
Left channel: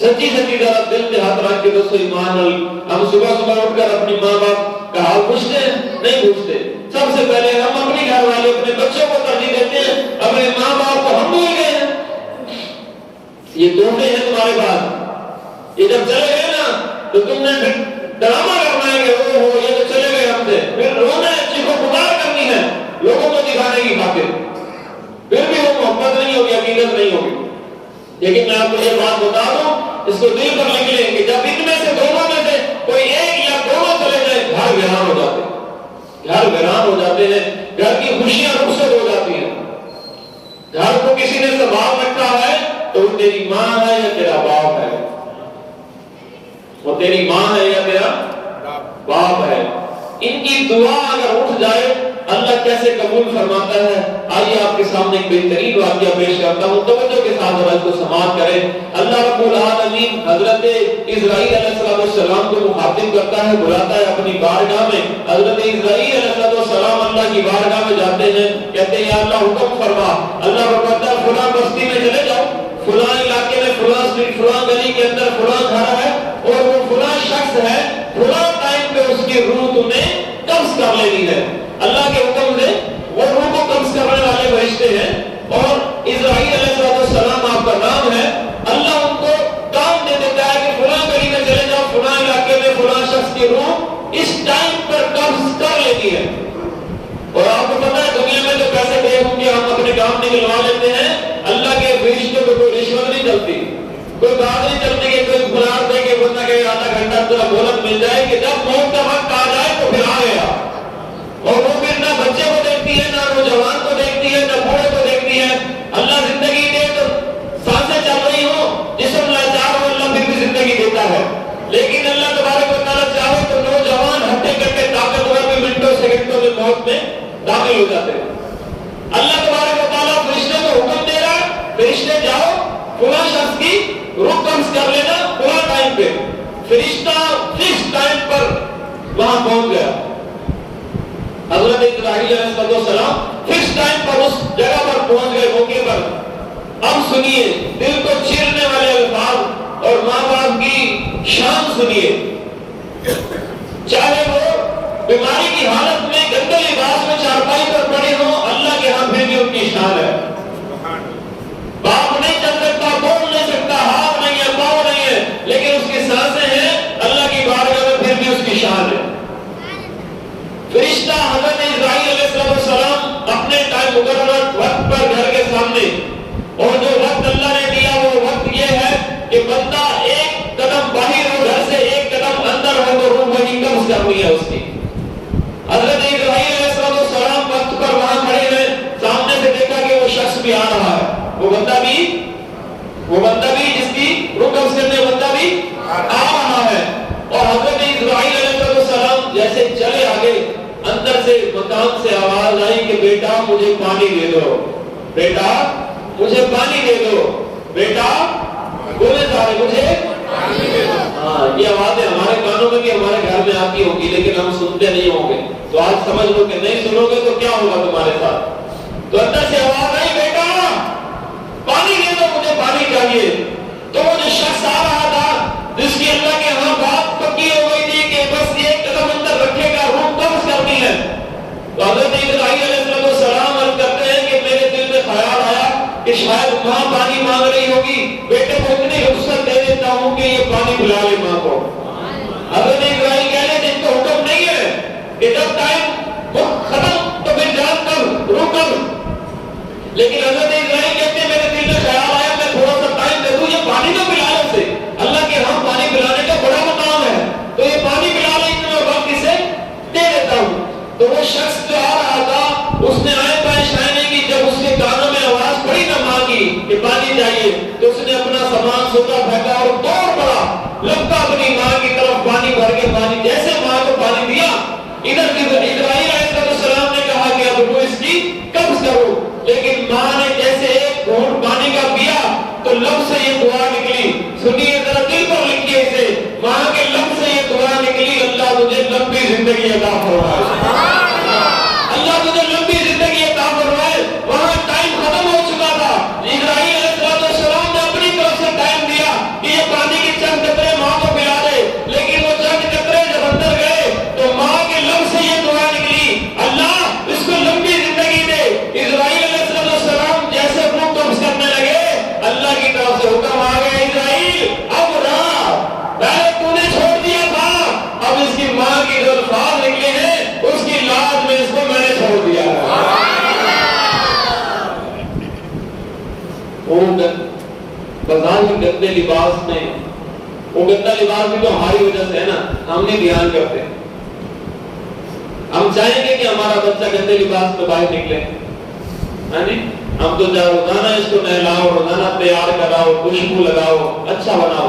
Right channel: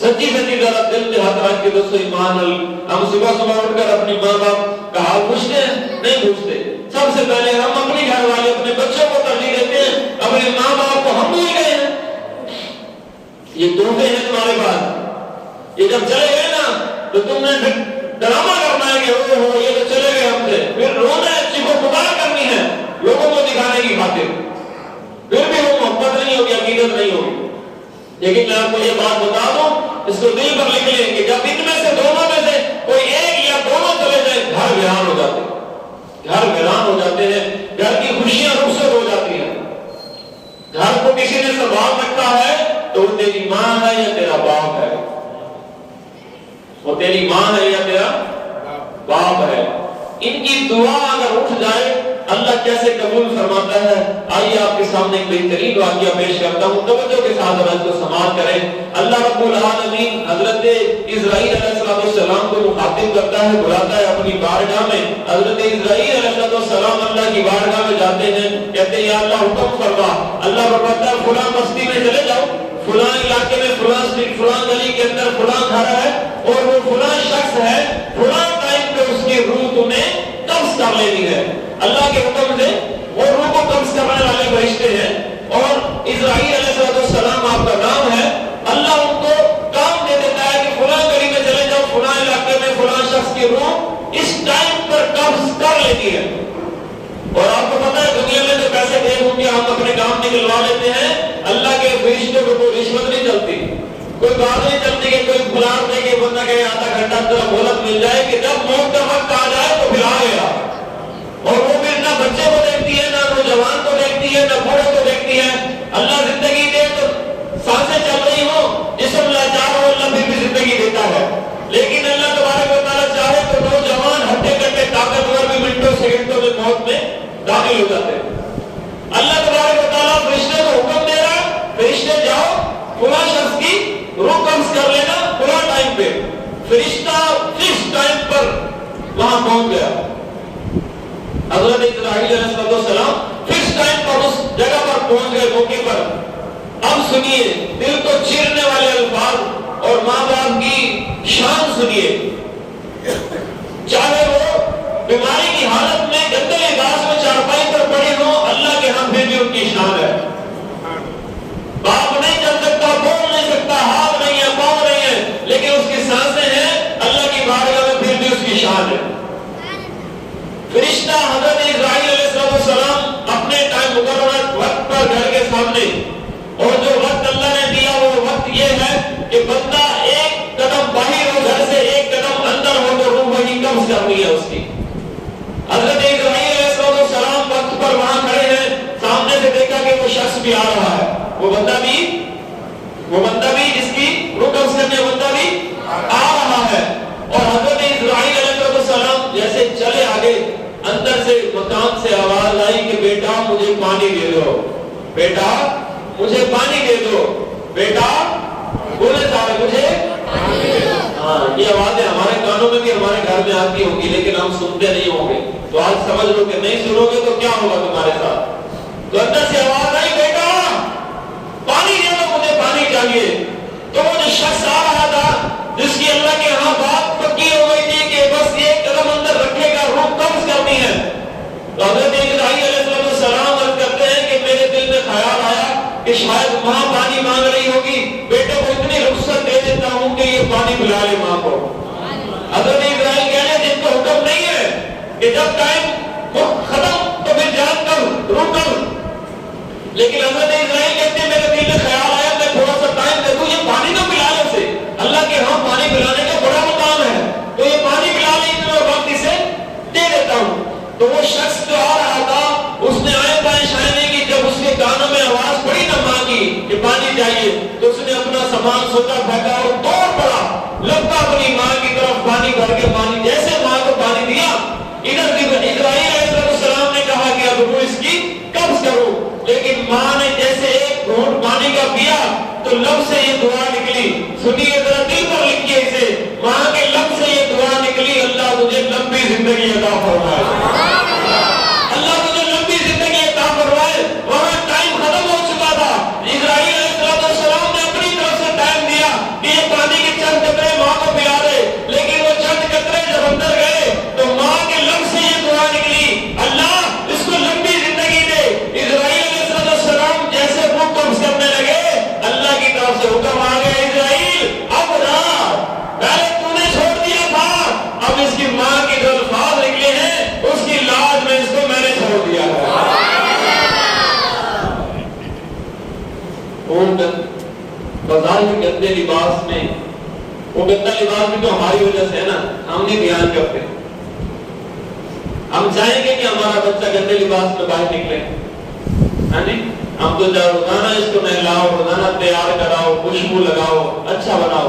سچی ذرا دل پہ ہاتھ رکھ کے دسو ایمان. ہم صبح اٹھ کر اپنی ماں باپ کا حال پوچھتے ہیں؟ نہیں پوچھتے. سب سے پہلے ہم اپنے گھر والے اپنے بچوں کو ترجیح دیتے ہیں، اپنے ماں باپ کو ہم بھول گئے ہیں. یہ تحفے ہیں تمہارے پاس، یہ جب چلے گئے نا تو تم نے پھر ڈرامہ کرنا ہے کہ او ہو یہ تو چلے گئے ہم سے، پھر رونا ہے، چیخو پکار کرنی ہے لوگوں کو دکھانے کی خاطر. پھر بھی وہ محبت نہیں ہوگی، عقیدت نہیں ہوگی. لیکن میں آپ کو یہ بات بتا دوں، اس کو دل پر لکھ لیں کہ جب ان میں سے دونوں میں سے کوئی ایک یا دونوں چلے جائے گھر ویران ہو جاتے ہیں، گھر ویران ہو جاتے ہیں، گھر کی خوشیاں رخصت ہو جاتی ہیں. گھر کو کسی نے سنبھال رکھا ہے تو وہ تیری ماں ہے یا تیرا باپ ہے. وہ تیری ماں ہے یا تیرا باپ ہے. ان کی دعا اگر اٹھ جائے اللہ کیسے قبول فرماتا ہے. آئیے آپ کے سامنے ایک بہترین واقعہ پیش کرتا ہوں, توجہ کے ساتھ ذرا اس کو سماعت کریں. اللہ رب العالمین حضرت اسرائیل علیہ السلام کو مخاطب کرتا ہے, بلاتا ہے اپنی بارگاہ میں. حضرت اسرائیل علیہ السلام اللہ کی بارگاہ میں جاتے ہیں, کہتے ہیں یا اللہ حکم فرما. اللہ فرماتا ہے فلاں بستی میں چلے جاؤ, فلاں علاقے میں فلاں اسٹریٹ فلاں گلی کے اندر فلاں گھر ہے اور وہ فلاں شخص ہے, فلاں ٹائم پہ اس کی روح تمہیں قبض کر لینی ہے. اللہ کے حکم سے وہ روح کو قبض کرنے والے فرشتے ہیں اور اسرائیل علیہ السلام آپ کا نام ہے. اللہ ان کو کام دے دیتا ہے کہ فلاں گلی میں چلے جاؤ, فلاں علاقے میں فلاں شخص کی روح اس ٹائم پر قبض کر لیتی ہے. اور آپ کو پتا ہے دنیا میں تو پیسے دے ہوں گے ہم اپنے کام نکلوا لیتے ہیں, اللہ کے فرشتوں کو کوئی رشوت نہیں چلتی, کوئی بات نہیں چلتی کہ کوئی پلاٹ دے کے بندہ کہ آدھا گھنٹہ تھوڑا مہلت مل جائے کہ جب موت کا وقت آ جائے تو پھر آ گیا. اور وہ بھی نہ بچے کو دیکھتی ہے, نہ نوجوان کو دیکھتی ہے, نہ بوڑھے کو دیکھتی ہے. اللہ زندگی دے تو سانسیں چل رہی ہوں, جسم لاچار ہو, اللہ پھر بھی زندگی دیتا ہے. لیکن اللہ تبارک و تعالیٰ چاہے تو نوجوان ہٹے کٹے طاقتور بھی منٹوں سیکنڈوں میں موت میں داخل ہو جاتے ہیں. اللہ تبارک و تعالیٰ فرشتے کو حکم دے رہا ہے, فرشتے جاؤ فلاں شخص کی روح قبض کر لینا فلاں ٹائم پہ. فرشتہ فکس ٹائم پر وہاں پہنچ گیا. حضرت اسرائیل علیہ السلام فکس ٹائم پر اس جگہ پر پہنچ گئے, موقع پر. اب سنیے دل کو چیرنے والے الفاظ اور ماں باپ کی شان سنیے. چاہے وہ بیماری کی حالت میں گندے لباس میں چارپائی پر پڑے ہوں, اللہ کے ہاں پھر بھی ان کی شان ہے. باپ نہیں چل سکتا, بول نہیں سکتا, ہاتھ نہیں ہے, پاؤں نہیں ہے, لیکن اس کی سانسیں ہیں, اللہ کی بارگاہ میں پھر بھی اس کی شان ہے. فرشتہ حضرت اسرائیل علیہ السلام اپنے ٹائم مقررہ وقت پر گھر کے سامنے, اور جو وقت اللہ نے دیا وہ وقت یہ ہے کہ بندہ ایک قدم باہر ہو گھر سے, ایک قدم اندر ہو تو روح وہی قبض کرنی ہے اس کی. حضرت اسرائیل علیہ السلام وقت پر وہاں کھڑے ہیں, سامنے سے دیکھا کہ وہ شخص بھی آ رہا ہے, وہ بندہ بھی جس کی روح قبض کرنے بندہ بھی آ رہا ہے. اور حضرت اسرائیل علیہ السلام جیسے چلے آگے, اندر سے مکان سے آواز آئی کہ بیٹا مجھے پانی دے دو, بیٹا مجھے پانی دے دو, بیٹا بولے سارے مجھے. ہاں یہ آوازیں ہمارے کانوں میں بھی ہمارے گھر میں آتی ہوں گی, لیکن ہم سنتے نہیں ہوں گے. تو آج سمجھ لو کہ نہیں سنو گے تو کیا ہوگا تمہارے ساتھ. تو اندر سے آواز آئی بیٹا پانی دے دو, مجھے پانی چاہیے. تو وہ جو شخص آ رہا تھا جس کی اللہ کے ہاں بات پکی ہو گئی تھی کہ بس یہ قدم اندر رکھے گا, روح قبض کرنی ہے. تو حضرت اسرائیل علیہ السلام عرض کرتے ہیں کہ میرے دل میں خیال آیا کہ شاید ماں پانی مانگ رہی ہوگی, بیٹے کو اتنی رخصت دے دیتا ہوں کہ یہ پانی پلا لے ماں کو. حضرت اسرائیل کہہ رہے جن کو حکم نہیں ہے کہ جب ٹائم ختم تو پھر جان کر روح قبض. لیکن حضرت اسرائیل کہتے ہیں میرے دل میں خیال آیا میں تھوڑا سا ٹائم دے دوں, یہ پانی تو پلا لے اسے. اللہ کے ہاں پانی پلانے کا بڑا مقام ہے, تو یہ پانی پلا لے اتنا وقت اسے دے دیتا ہوں. تو وہ شخص جو آ رہا تھا اس نے آئے بائیں شائنے کی, جب اس کے کانوں میں آواز پڑی نہ مانگی کہ پانی چاہیے, تو اس نے اپنا سامان سوچا پھینکا اور دوڑ پڑا, لپکا اپنی ماں کی طرف, پانی بھر کے پانی جیسے ماں کو پانی دیا. ادھر اسرائیل علیہ السلام نے کہا کہ اب وہ اس کی قبض کرو, لیکن ماں نے جیسے ایک گھونٹ پانی کا پیا تو لب سے یہ دعا نکلی. سنیے ذرا دل پر لکھیے اسے, ماں کے لب سے یہ دعا نکلی, اللہ مجھے لمبی زندگی عطا فرمائے, اللہ مجھے لمبی زندگی عطا فرمائے. وہاں ٹائم ختم ہو چکا تھا. اسرائیل علیہ السلام نے اپنی طرف سے ٹائم دیا کہ یہ پانی کے چند قطرے ماں کو پلا دے, لیکن وہ چند قطرے جب اندر گئے تو ماں کے لب سے یہ دعا نکلی, اللہ اس کو لمبی زندگی دے. اسرائیل علیہ السلام جیسے روح قبض کرنے لگے, اللہ کی طرف سے حکم آ گیا, اسرائیل اب رہا, پہلے تو نے چھوڑ دیا تھا, اب اس کی ماں کی جو الفاظ نکلے ہیں اس کی لاج میں اس کو میں نے چھوڑ دیا ہے. بازار کے گندے لباس میں, وہ گندا لباس بھی تو ہماری وجہ سے ہے نا, ہم نہیں دھیان کرتے. ہم چاہیں گے کہ ہمارا بچہ گندے لباس میں باہر نکلے, ہاں جی, ہم تو روزانہ اس کو نہلاؤ, روزانہ تیار کراؤ, خوشبو لگاؤ, اچھا بناؤ.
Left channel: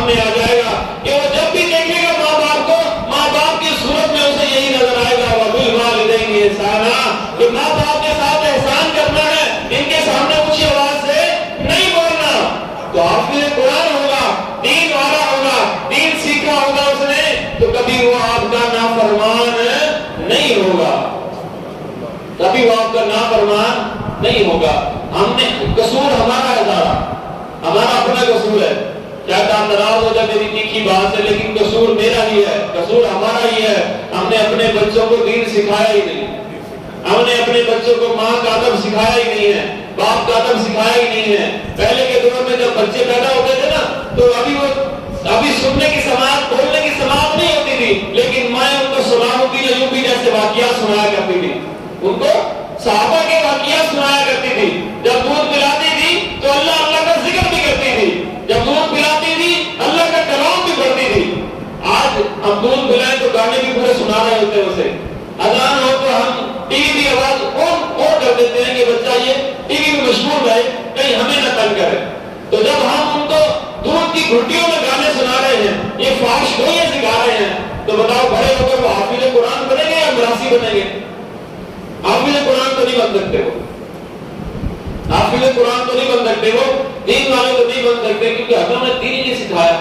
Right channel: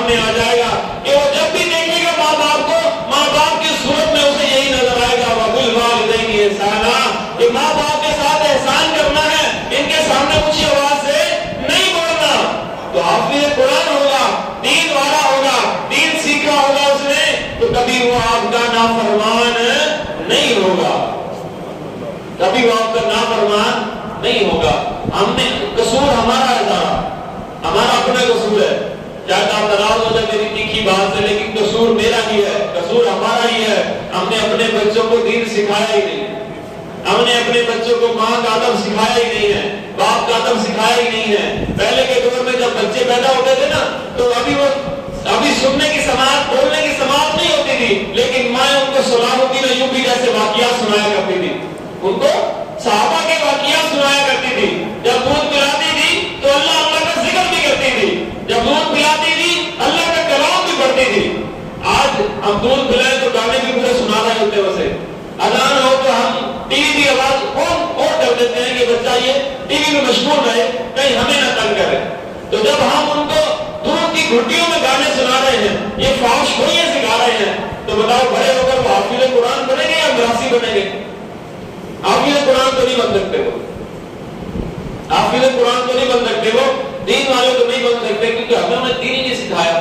سامنے آ جائے گا کہ وہ جب بھی دیکھے گا ماں باپ کو، ماں باپ کی صورت میں اسے یہی نظر آئے گا وَبِالْوَالِدَيْنِ إِحْسَانًا، کہ ماں باپ کے ساتھ احسان کرنا ہے، ان کے سامنے اونچی آواز سے نہیں بولنا۔ تو حافظ قرآن ہوگا، دین والا ہوگا، دین سیکھا ہوگا اس نے، تو کبھی وہ آپ کا نافرمان نہیں ہوگا، کبھی وہ آپ کا نافرمان نہیں ہوگا۔ ہم نے قصور ہمارا ہے سارا، ہمارا اپنا قصور ہے، شاید آپ ناراض ہو جائے میری تیکھی بات سے، لیکن قصور میرا ہی ہے، قصور ہمارا ہی ہے۔ ہم نے اپنے بچوں کو دین سکھایا ہی نہیں، ہم نے اپنے بچوں کو ماں کا ادب سکھایا ہی نہیں ہے، باپ کا ادب سکھایا ہی نہیں ہے۔ پہلے کے دور میں جب بچے پیدا ہوتے تھے نا، تو ابھی سننے کی سماعت، بولنے کی سماعت نہیں ہوتی تھی، لیکن مائیں ان کو صلاح الدین ایوبی جیسے واقعات سنایا کرتی تھی، ان کو صحابہ کے واقعات سنایا کرتی تھی۔ جب دودھ پلاتی تھی تو اللہ اللہ کا ذکر بھی کرتی تھی، جب دودھ پلاتی تھی اللہ کا کلام بھی پڑھتی تھی۔ آج ہم دودھ پلائیں تو گانے بھی پورے سنا رہے ہوتے ہیں، اسے اذان ہو تو ہم ٹی وی کی آواز اور کر دیتے ہیں کہ بچہ یہ ٹی وی میں مشغول رہے، کہیں ہمیں نہ تنگ کرے۔ تو جب ہم ان کو دودھ کی گھٹیوں میں گانے سنا رہے ہیں، یہ فحش ہوئے سکھا رہے ہیں، تو بتاؤ بڑے ہو کر وہ حافظ قرآن بنیں گے یا مراسی بنیں گے؟ حافظ قرآن تو نہیں بن سکتے، وہ حافظ قرآن تو نہیں بن سکتے، وہ دین والے تو نہیں بن سکتے، کیونکہ ہمیں نے دین ہی نہیں سکھایا۔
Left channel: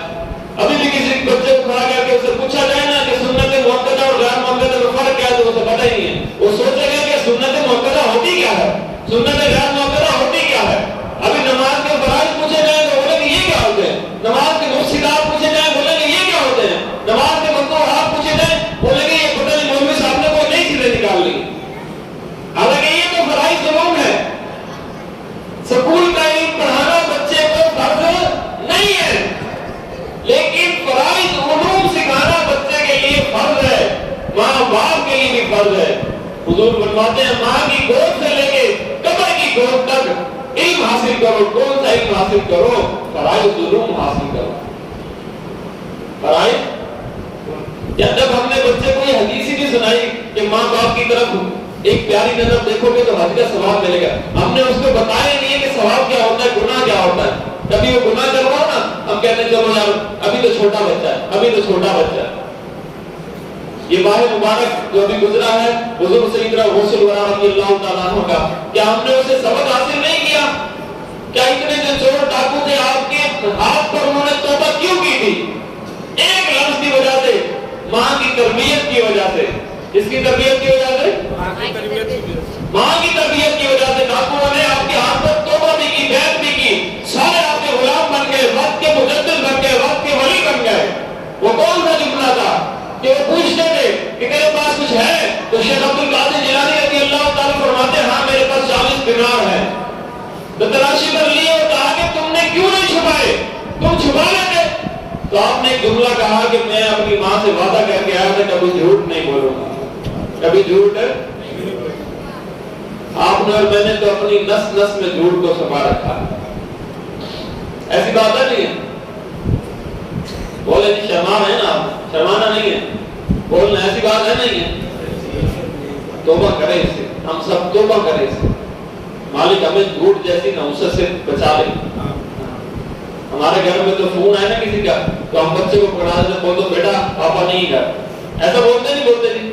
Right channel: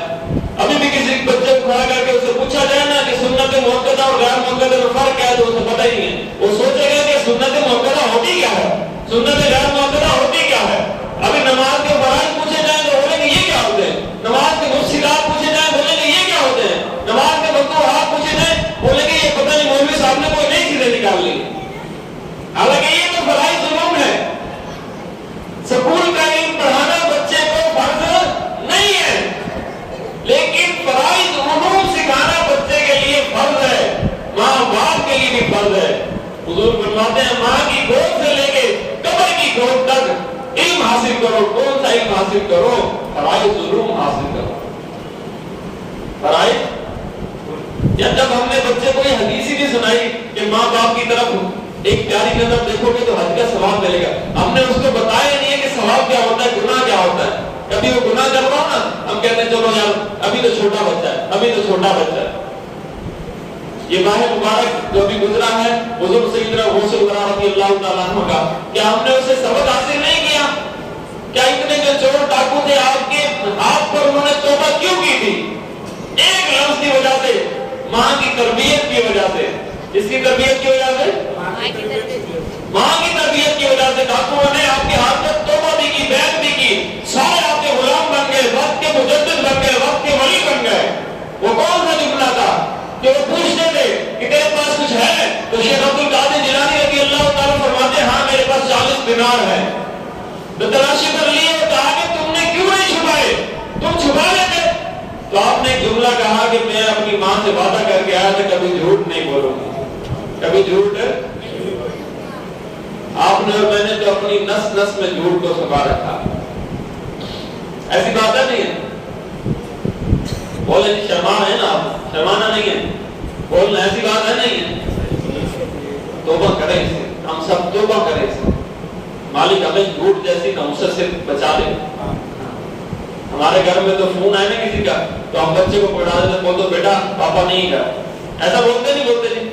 ابھی بھی کسی بچے کو کھڑا کر کے اسے پوچھا جائے نا کہ سنت مؤکدہ اور غیر مؤکدہ میں فرق کیا ہے، تو اسے پتہ ہی نہیں ہے۔ وہ سوچے گا کہ سنت مؤکدہ ہوتی کیا ہے، سنت غیر مؤکدہ ہوتی کیا ہے۔ ابھی نماز کے فرائض پوچھے جائیں تو بولیں گے یہ کیا ہوتے ہیں، نماز کے مفسدات پوچھے جائیں بولیں گے یہ کیا ہوتے ہیں، نماز کے مکروہات پوچھے جائیں بولیں گے یہ پتہ نہیں مولوی صاحب نے کوئی نئی چیزیں نکال لی۔ حالانکہ یہ تو فرائض علوم ہے۔ سکول کا علم پڑھانا بچے کو فرض نہیں ہے، لیکن فرائض علوم سکھانا بچے کے لیے فرض ہے، ماں باپ کے لیے بھی فرض ہے۔ حضور فرماتے ہیں ماں کی گود سے لے کے قبر کی گود تک علم حاصل کرو۔ کون سا علم حاصل کرو؟ فرائض علوم حاصل کرو۔ فرائض، یا جب ہم نے بچے کو یہ حدیث ہی نہیں سنائی کہ ماں باپ کی طرف ایک پیاری نظر دیکھو گے تو حج کا ثواب ملے گا، ہم نے اس کو بتایا نہیں ہے کہ ثواب کیا ہوتا ہے، گناہ کیا ہوتا ہے۔ کبھی وہ گناہ کر رہا ہو نا، ہم کہتے ہیں چلو یار ابھی تو چھوٹا بچہ ہے، ابھی تو چھوٹا بچہ ہے۔ یہ ماہ مبارک جو ابھی گزرا ہے حضور سیدنا غوث الورا رضی اللہ تعالیٰ عنہ کا، کیا ہم نے اسے سبق حاصل نہیں کیا؟ کیا اتنے جو چور ڈاکو تھے آپ کے ہاتھ پر انہوں نے توبہ کیوں کی تھی؟ ایک لفظ کی وجہ سے، ماں کی تربیت کی وجہ سے۔ اس کی تربیت کی وجہ سے، ماں کی تربیت کی وجہ سے ڈاکوؤں نے آپ کے ہاتھ پر توبہ بھی کی، بیعت بھی کی، سارے آپ کے غلام بن گئے، وقت کے مجدد بن گئے، وقت کے ولی بن گئے۔ وہ کون سا جملہ تھا کہ وہ پوچھتے تھے کہ تیرے پاس کچھ ہے؟ تو شیخ عبد القادر جیلانی رضی اللہ تعالیٰ فرماتے ہیں ہاں میرے پاس 40 دینار ہے۔ تو تلاشی کر لیے اور کہا کہ تم نے کیوں نہیں چھپائے، تم چھپا لیتے۔ تو آپ نے ایک جملہ کہا کہ میں اپنی ماں سے وعدہ کر کے آیا تھا کبھی جھوٹ نہیں بولوں گا، کبھی جھوٹ ہے۔ آپ نے اور میں نے تو اپنی نس نس میں جھوٹ کو سما رکھا، ایسی بات ہے نہیں ہے؟ بولے جی شرمان ہے نا آپ، شرمانا نہیں ہے، بولنا ایسی بات ہے نہیں ہے۔ توبہ کریں اس سے، ہم سب توبہ کریں اس سے، مالک ہمیں جھوٹ جیسی نحوست سے بچا لے۔ ہمارے گھر میں تو فون آئے نا کسی کا تو ہم بچے کو پکڑا دیتے، بول دو بیٹا پاپا نہیں گھر، ایسا بولتے نہیں بولتے نہیں؟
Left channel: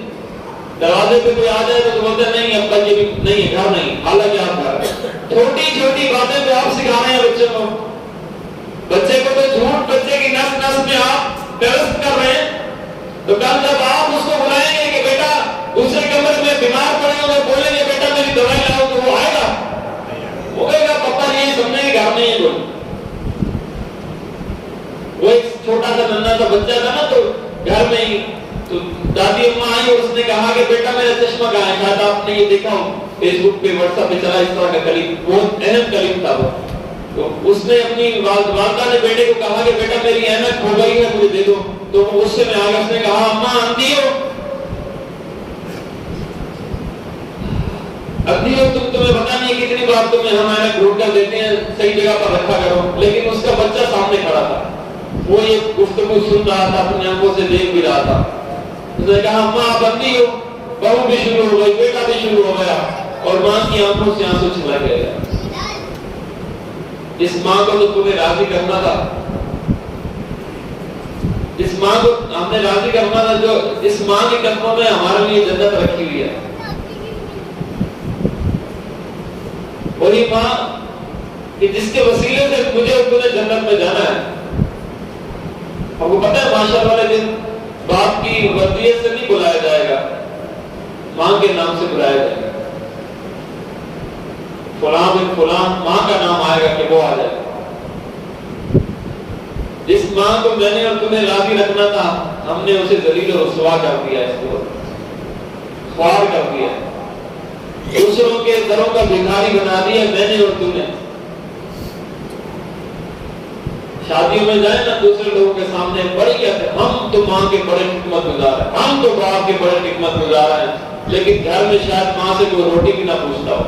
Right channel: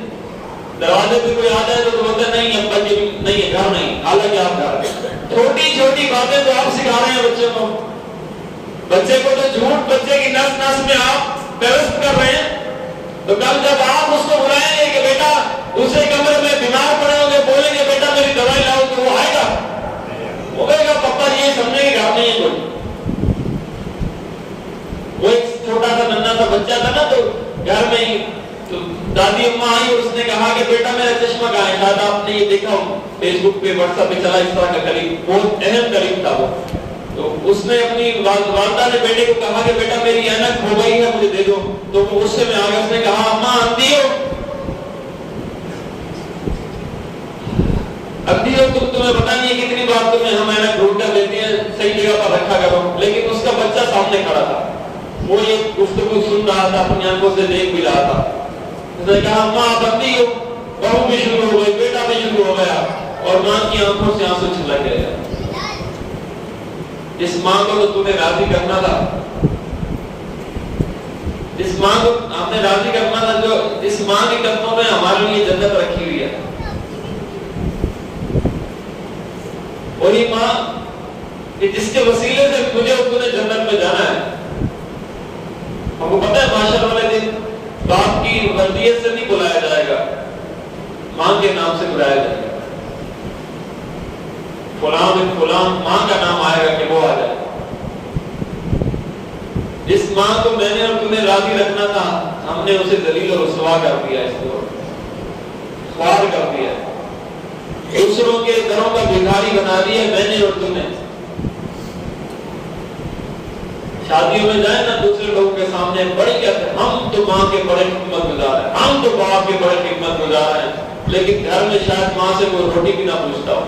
دروازے پہ کوئی آ جائے تو بولتے نہیں ابا جی نہیں ہے، گھر نہیں، حالانکہ آپ گھر ہیں۔ چھوٹی چھوٹی باتیں تو آپ سکھا رہے ہیں بچے کو، بچے کو تو جھوٹ بچے کی نس نس میں آپ درست کر رہے ہیں۔ تو کل جب آپ اس کو بلائیں گے کہ بیٹا دوسرے کمرے میں بیمار پڑے ہوں گے، بولیں گے بیٹا میری دوائی لاؤ، تو وہ آئے گا، وہ کہے گا پپا یہ سمجھنے کے گھر نہیں ہے کوئی۔ وہ ایک چھوٹا سا ننھا سا بچہ تھا نا، تو گھر میں ہی تو دادی اماں آئی اور اس نے کہا کہ بیٹا میرا چشمہ کہاں ہے؟ شاید آپ نے یہ دیکھا فیس بک پہ واٹس ایپ پہ چلا اس طرح کا کلیم، بہت اہم کلیم تھا وہ۔ تو اس نے اپنی والدہ نے بیٹے کو کہا کہ بیٹا میری اینک کھو گئی ہے مجھے دے دو، تو وہ غصے میں آ گیا، اس نے کہا اماں اندھی ہو، اندھی ہو تمہیں پتا نہیں ہے کتنی بار تمہیں ہم اینک ڈھونڈ کر دیتے ہیں، صحیح جگہ پر رکھا کرو۔ لیکن اس کا بچہ سامنے کھڑا تھا، وہ یہ گفتگو سن رہا تھا، اپنی آنکھوں سے دیکھ بھی رہا تھا۔ اس نے کہا اماں آپ اندھی ہو، بہو بھی شروع ہو گئی، بیٹا بھی شروع ہو گیا، اور ماں کی آنکھوں سے آنسو چھلک گئے۔ اس ماں کو تو تمہیں راضی کرنا تھا، جس ماں کو ہم نے راضی کرنا تھا، جو اس ماں کے قدموں میں ہمارے لیے جنت رکھی ہوئی ہے، وہی ماں کہ جس کے وسیلے سے مجھے اور تمہیں جنت میں جانا ہے۔ ہم کو پتہ ہے معاشر والے دن باپ کی وردیت سے نہیں بلایا جائے گا، ماں کے نام سے بلایا جائے گا، فلاں بن فلاں ماں کا نام آئے گا کہ وہ آ جائے گا۔ جس ماں کو میں نے اور تمہیں راضی رکھنا تھا، ہم نے اسے ذلیل و رسوا کر دیا، اس کو خوار کر دیا، دوسروں کے دروں کا بھکاری بنا دیا میں نے اور تم نے۔ شادیوں میں جائیں نا دوسرے لوگوں کے سامنے بڑے کہتے ہیں ہم تو ماں کے بڑے خدمت گزار ہیں، ہم تو باپ کے بڑے خدمت گزار ہیں، لیکن گھر میں شاید ماں سے کوئی روٹی بھی نہ پوچھتا ہو،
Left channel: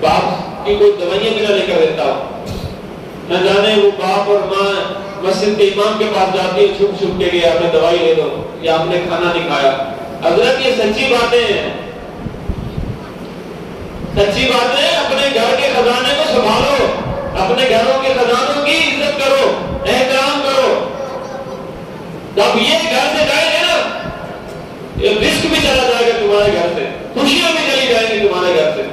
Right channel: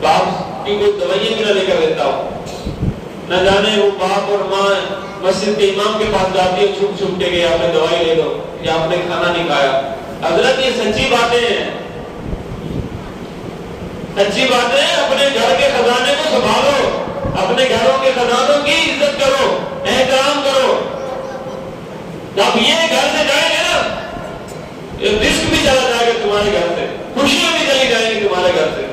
باپ کی کوئی دوائیاں بھی نہ لے کر دیتا ہو، نہ جانے وہ باپ اور ماں مسجد کے امام کے پاس جاتی ہے چھپ چھپ کے گئے آپ نے دوائی لے لو یا آپ نے کھانا نہیں کھایا۔ حضرت یہ سچی باتیں ہیں، سچی باتیں، اپنے گھر کے خزانے کو سنبھالو، اپنے گھروں کے خزانوں کی عزت کرو، احترام کرو۔ جب یہ گھر سے جائیں گے نا، یہ رزق بھی چلا جائے گا تمہارے گھر سے، خوشیاں بھی چلی جائیں گی تمہارے گھر سے۔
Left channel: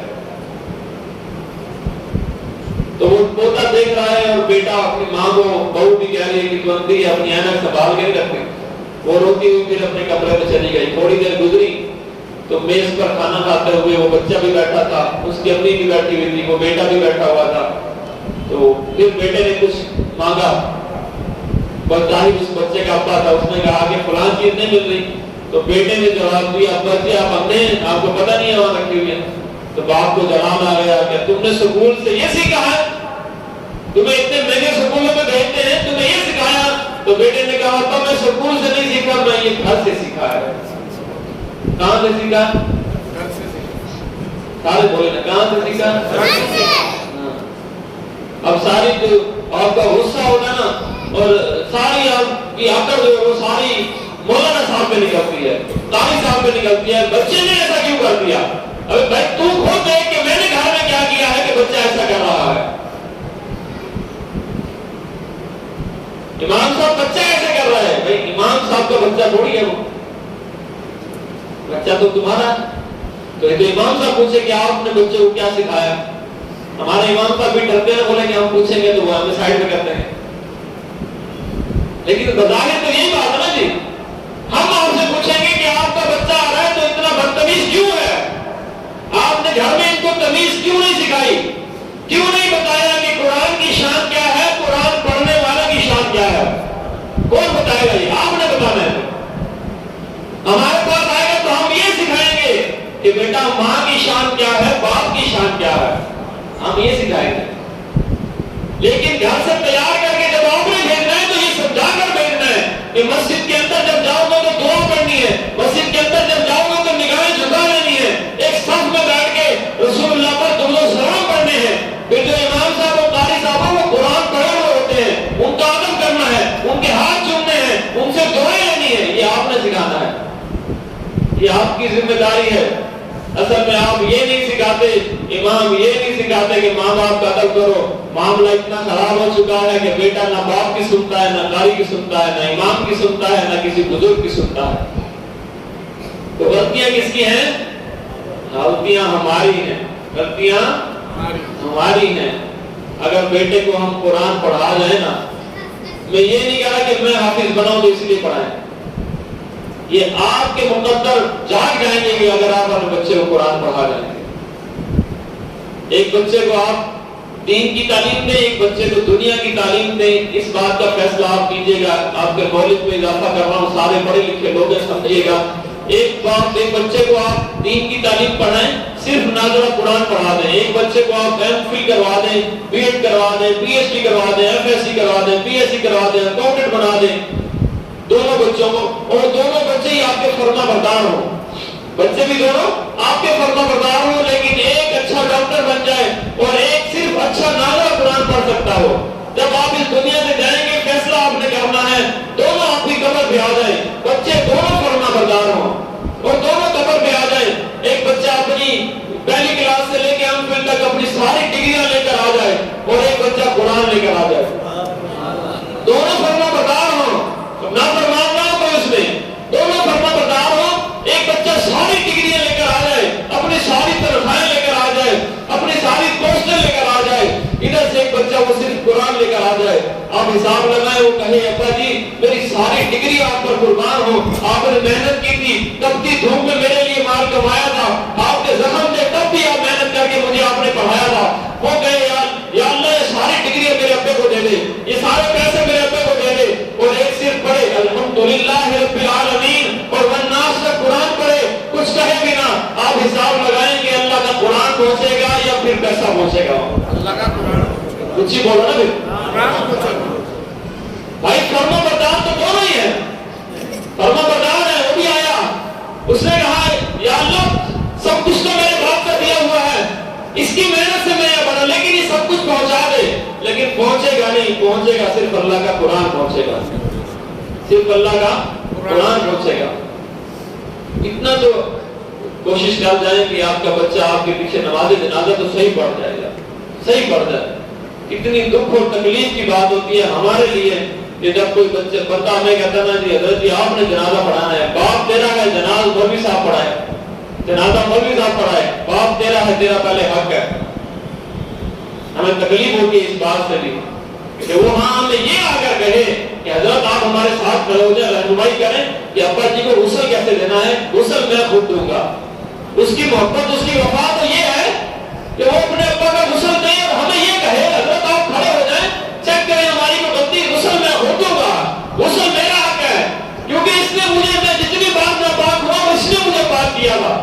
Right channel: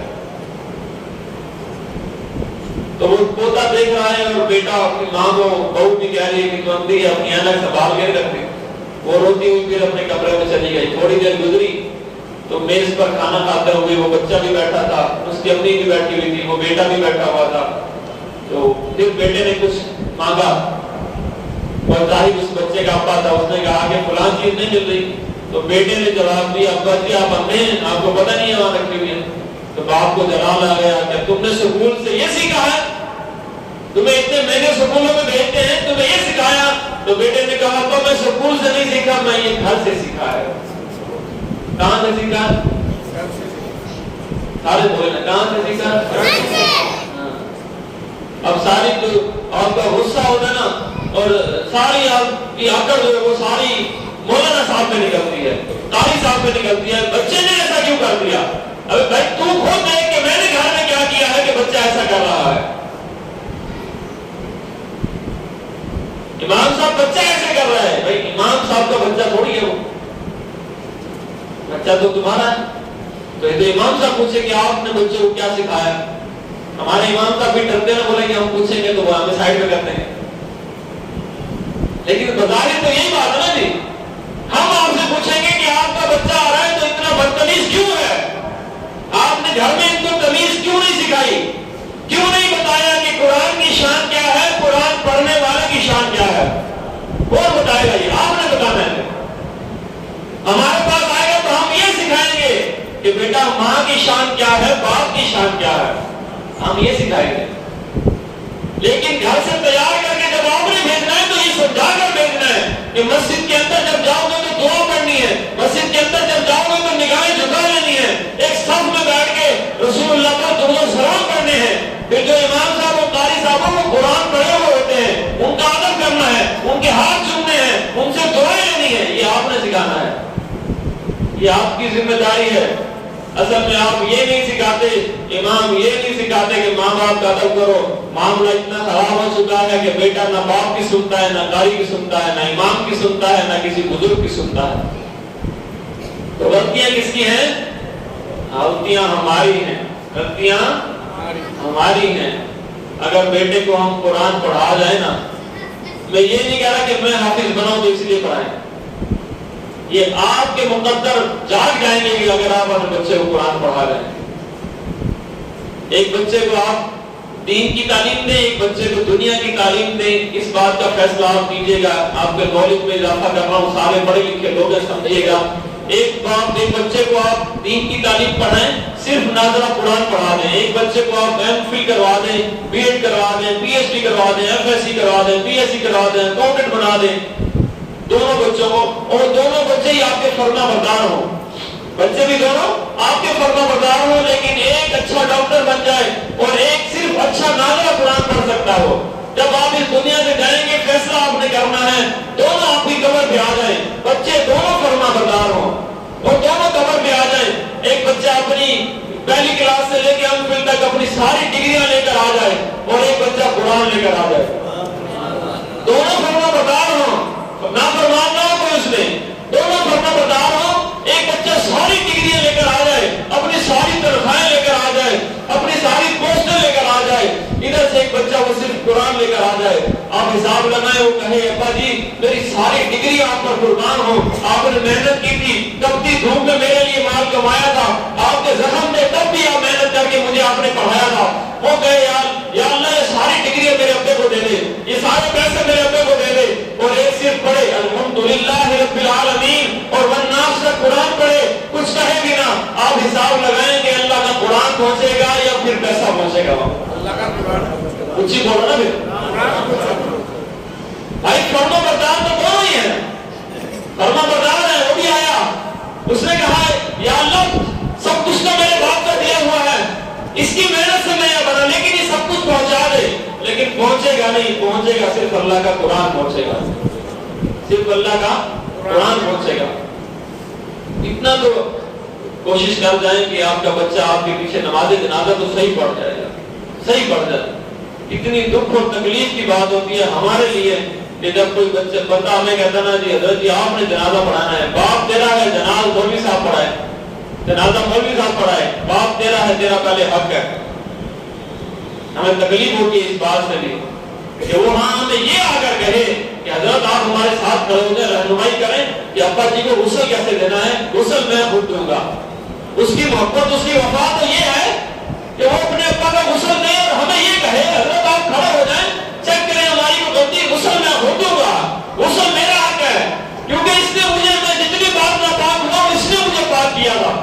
تو وہ پوتا دیکھ رہا ہے اور بیٹا اپنی ماں کو، بہو بھی کہہ رہی ہے کہ بندی اپنی اینک سنبھال کے رکھتی، وہ روتی ہوئی پھر اپنے کمرے میں چلی گئی۔ تھوڑی دیر گزری تو میز پر کھانا کھاتے ہوئے وہ بچہ بھی بیٹھا تھا، اس کی امی بھی بیٹھی ہوئی تھی، وہ بیٹا بھی بیٹھا ہوا تھا۔ تو پھر بیٹے نے کچھ مانگا اور ظاہر اس بچے کا ابا تھا، اس نے کہا کہ فلاں چیز نہیں مل رہی، تو بیٹے نے جواب دیا ابا جی آپ اندھے ہیں، آپ کو پتہ نہیں ہے وہاں رکھی ہوئی ہے۔ تو باپ کو جلال آ گیا کہ تم نے سکول سے یہ سیکھا ہے، تمہیں اتنے مہنگے سکولوں میں بھیجتے ہیں، تمہیں یہ سکھایا؟ تو بیٹے نے کہا ابا میں سکول سے نہیں سیکھا، میں یہ گھر سے سیکھا ہے۔ کہاں سے سیکھا؟ سارے بولے نا کہاں سے سیکھا؟ اب ساری جو آپ کا غصہ ہوتا نا اور ساری آپ کی عقل جو ہے وہ ساری مولانا صاحب پہ نکلتی ہے، قاری صاحب پہ نکلتی ہے، بچے نے ایسا کیوں کر دیا؟ ابھی بھائی تو خود دیکھ کہ میں نے گھر میں کیا کیا ہے کہ بچہ ایسا کر رہا ہے۔ امام صاحب بچہ ایسے کر رہا ہے، بھائی امام صاحب کا بچہ تھوڑی ہے، وہ بچہ تو تمہارا ہے۔ تو یہ تو امام صاحب پوچھے کہ آپ نے بچے کو کیا سکھایا؟ ہمارے امام صاحب بھی ڈرتے ہیں، بولے کہ ہم پوچھیں گے تو وہ ہمیں سائڈ میں کرتے ہیں، لیکن بظاہر تو یہی بات ہے نا جی، ہم آپ سے پوچھیں گے کہ آپ کا بچہ آ رہا ہے تو اتنا بدتمیز کیوں ہے؟ آپ نے گھر میں ان کو تمیز کیوں نہیں سکھائی؟ کیوں نہیں بتایا کہ قرآن کی شان کیا ہے، قرآن پڑھنے والے کی شان کیا ہے؟ کون بتائے گا؟ یہ آپ نے بتانا ہے۔ ہمارے پاس آئے گا تو ہم یہ سکھائیں گے کہ بیٹا ماں کی شان کیا ہے، باپ کی شان کیا ہے، ہم یہ سکھائیں گے۔ لیکن گھر سے تیار کر کے جب آپ نے بھیجنا ہے تو یہ سمجھا کر بھیجنا ہے کہ مسجد کے اندر جب جاؤ گے تو دعا کرنی ہے، مسجد کے اندر جب جاؤ گے تو نگاہیں جھکا لینی ہے، ایک صف میں بیٹھ کے رسول اللہ پر درود و سلام پڑھنے ہیں، پھر جو امام صاحب اور قاری صاحب وہ قرآن پڑھے ہوئے ہوتے ہیں ان کا ادب کرنا ہے، ان کے ہاتھ چومنے ہیں، ان سے دعائیں لینی ہے، یہ آپ نے سکھانا ہے، یہ آپ کی ذمہ داری ہے۔ اصل میں آپ یہ نہیں سکھاتے، امام یہ نہیں سکھاتے کہ ماں باپ کا ادب کرو۔ معاملہ اتنا خراب ہو چکا ہے کہ بیٹا نہ باپ کی سنتا ہے، نہ قاری کی سنتا ہے، نہ امام کی سنتا ہے، نہ کسی بزرگ کی سنتا ہے۔ تو غلطیاں کس کی ہیں؟ غلطیاں ہماری ہیں، غلطیاں ہماری ہیں۔ اگر بیٹے کو ہم قرآن پڑھا جائے نا، میں یہ نہیں کہہ رہا کہ میں حافظ بناؤں تو اس لیے پڑھائیں، یہ آپ کے مقدر جاگ جائیں گے کہ اگر آپ اپنے بچے کو قرآن پڑھا جائیں گے۔ ایک بچے کو آپ دین کی تعلیم دیں، ایک بچے کو دنیا کی تعلیم دیں، اس بات کا فیصلہ آپ کیجئے گا۔ آپ کے نالج میں اضافہ کر رہا ہوں، سارے پڑھے لکھے لوگ ہیں، سمجھیے گا۔ ایک بچے کو آپ دین کی تعلیم پڑھائیں، صرف ناظرہ قرآن پڑھا دیں۔ ایک بچے کو آپ ایم فل کروا دیں، بی ایڈ کروا دیں، پی ایچ ڈی کروا دیں، ایف ایس سی کروا دیں، پی ایچ ڈی کروا دیں، اکاؤنٹنٹ بنا دیں دونوں بچوں کو، اور دونوں بچے ہی آپ کے فرما بردار ہوں، بچے بھی دونوں آپ کے فرما بردار ہوں، لیکن ایک اچھا ڈاکٹر بن جائے اور ایک صرف اچھا ناظرہ قرآن پڑھ سکتا ہو۔ جب آپ اس دنیا سے جائیں گے فیصلہ آپ نے کرنا ہے، دونوں آپ کی قبر پہ آ جائیں، بچے دونوں فرما بردار ہوں اور دونوں قبر پہ آ جائیں۔ ایک بچہ اپنی پہلی کلاس سے لے کے ایم فل تک اپنی ساری ڈگریاں لے کر آ جائے اور ایک بچہ قرآن لے کر آ جائے، دونوں فرما بردار گا وہ صرف قرآن لے کر آ جائے. آپ حساب لگائیں, وہ کہے ابا جی میری ساری ڈگری آپ پر قربان ہو, آپ نے محنت کی تھی, تپتی دھوپ میں میرے لیے مال کمایا تھا, آپ کے زخم تھے تب بھی آپ محنت کر کے مجھے آپ نے پڑھایا تھا. وہ کہے یا اللہ یہ ساری ڈگریاں میرے ابے کو دے دے, یہ سارے پیسے میرے ابے کو دے دے, اور ایک صرف پڑھے الحمدللہ رب العالمین اور والناس کا قرآن پڑھے, کچھ کہے بھی نہ. آپ حساب لگائیں کہ اللہ کا قرآن پہنچے گا یا پھر پیسہ پہنچے گا؟ اللہ کا قرآن. کچھ ہی بولو نا پھر بھائی. فرما بردار تو دونوں ہی ہیں. فرما بردار ہے, وہ بھی آیا, اس نے کہا یا اللہ سب کچھ تو میرے باپ کا دیا ہوا ہے, اس کی محنت سے میں یہ بنا, لیکن یہ سب کچھ پہنچا دے. لیکن پہنچے گا نہیں, پہنچے گا صرف اللہ کا قرآن پہنچے گا, صرف اللہ کا قرآن پہنچے گا. اتنا تو کوشش کر جائیں کہ آپ کا بچہ آپ کے پیچھے نماز جنازہ تو صحیح پڑھ جائے گا, صحیح پڑھ جائے. اتنی دکھ اور تکلیف کی بات ہوتی ہے ہمارے لیے کہ جب کوئی بچے بندہ ہمیں کہتا نا جی حضرت جی آپ نے جنازہ پڑھانا ہے, باپ تیرا ہے جناز مولوی صاحب پڑھائے, جنازہ مولوی صاحب پڑھائے, باپ تیرا ہے, تیرا پہلے حق ہے. ہمیں تکلیف ہوتی ہے اس بات سے بھی کہ وہ ہمیں یہ آ کر کہے کہ حضرت آپ ہمارے ساتھ کھڑے ہو جائیں, رہنمائی کریں کہ ابا جی کو غسل کیسے دینا ہے, غسل میں خود دوں گا. اس کی محبت, اس کی وفا تو یہ ہے کہ وہ اپنے ابا کا غسل دے اور ہمیں یہ کہے حضرت آپ کھڑے ہو جائیں, چیک کریں ہماری کو غلطی, غسل میں خود دوں گا, غسل میرا حق ہے, کیونکہ اس نے مجھے, میں جتنی بار ناپاک ہوا اس نے مجھے پاک کیا تھا.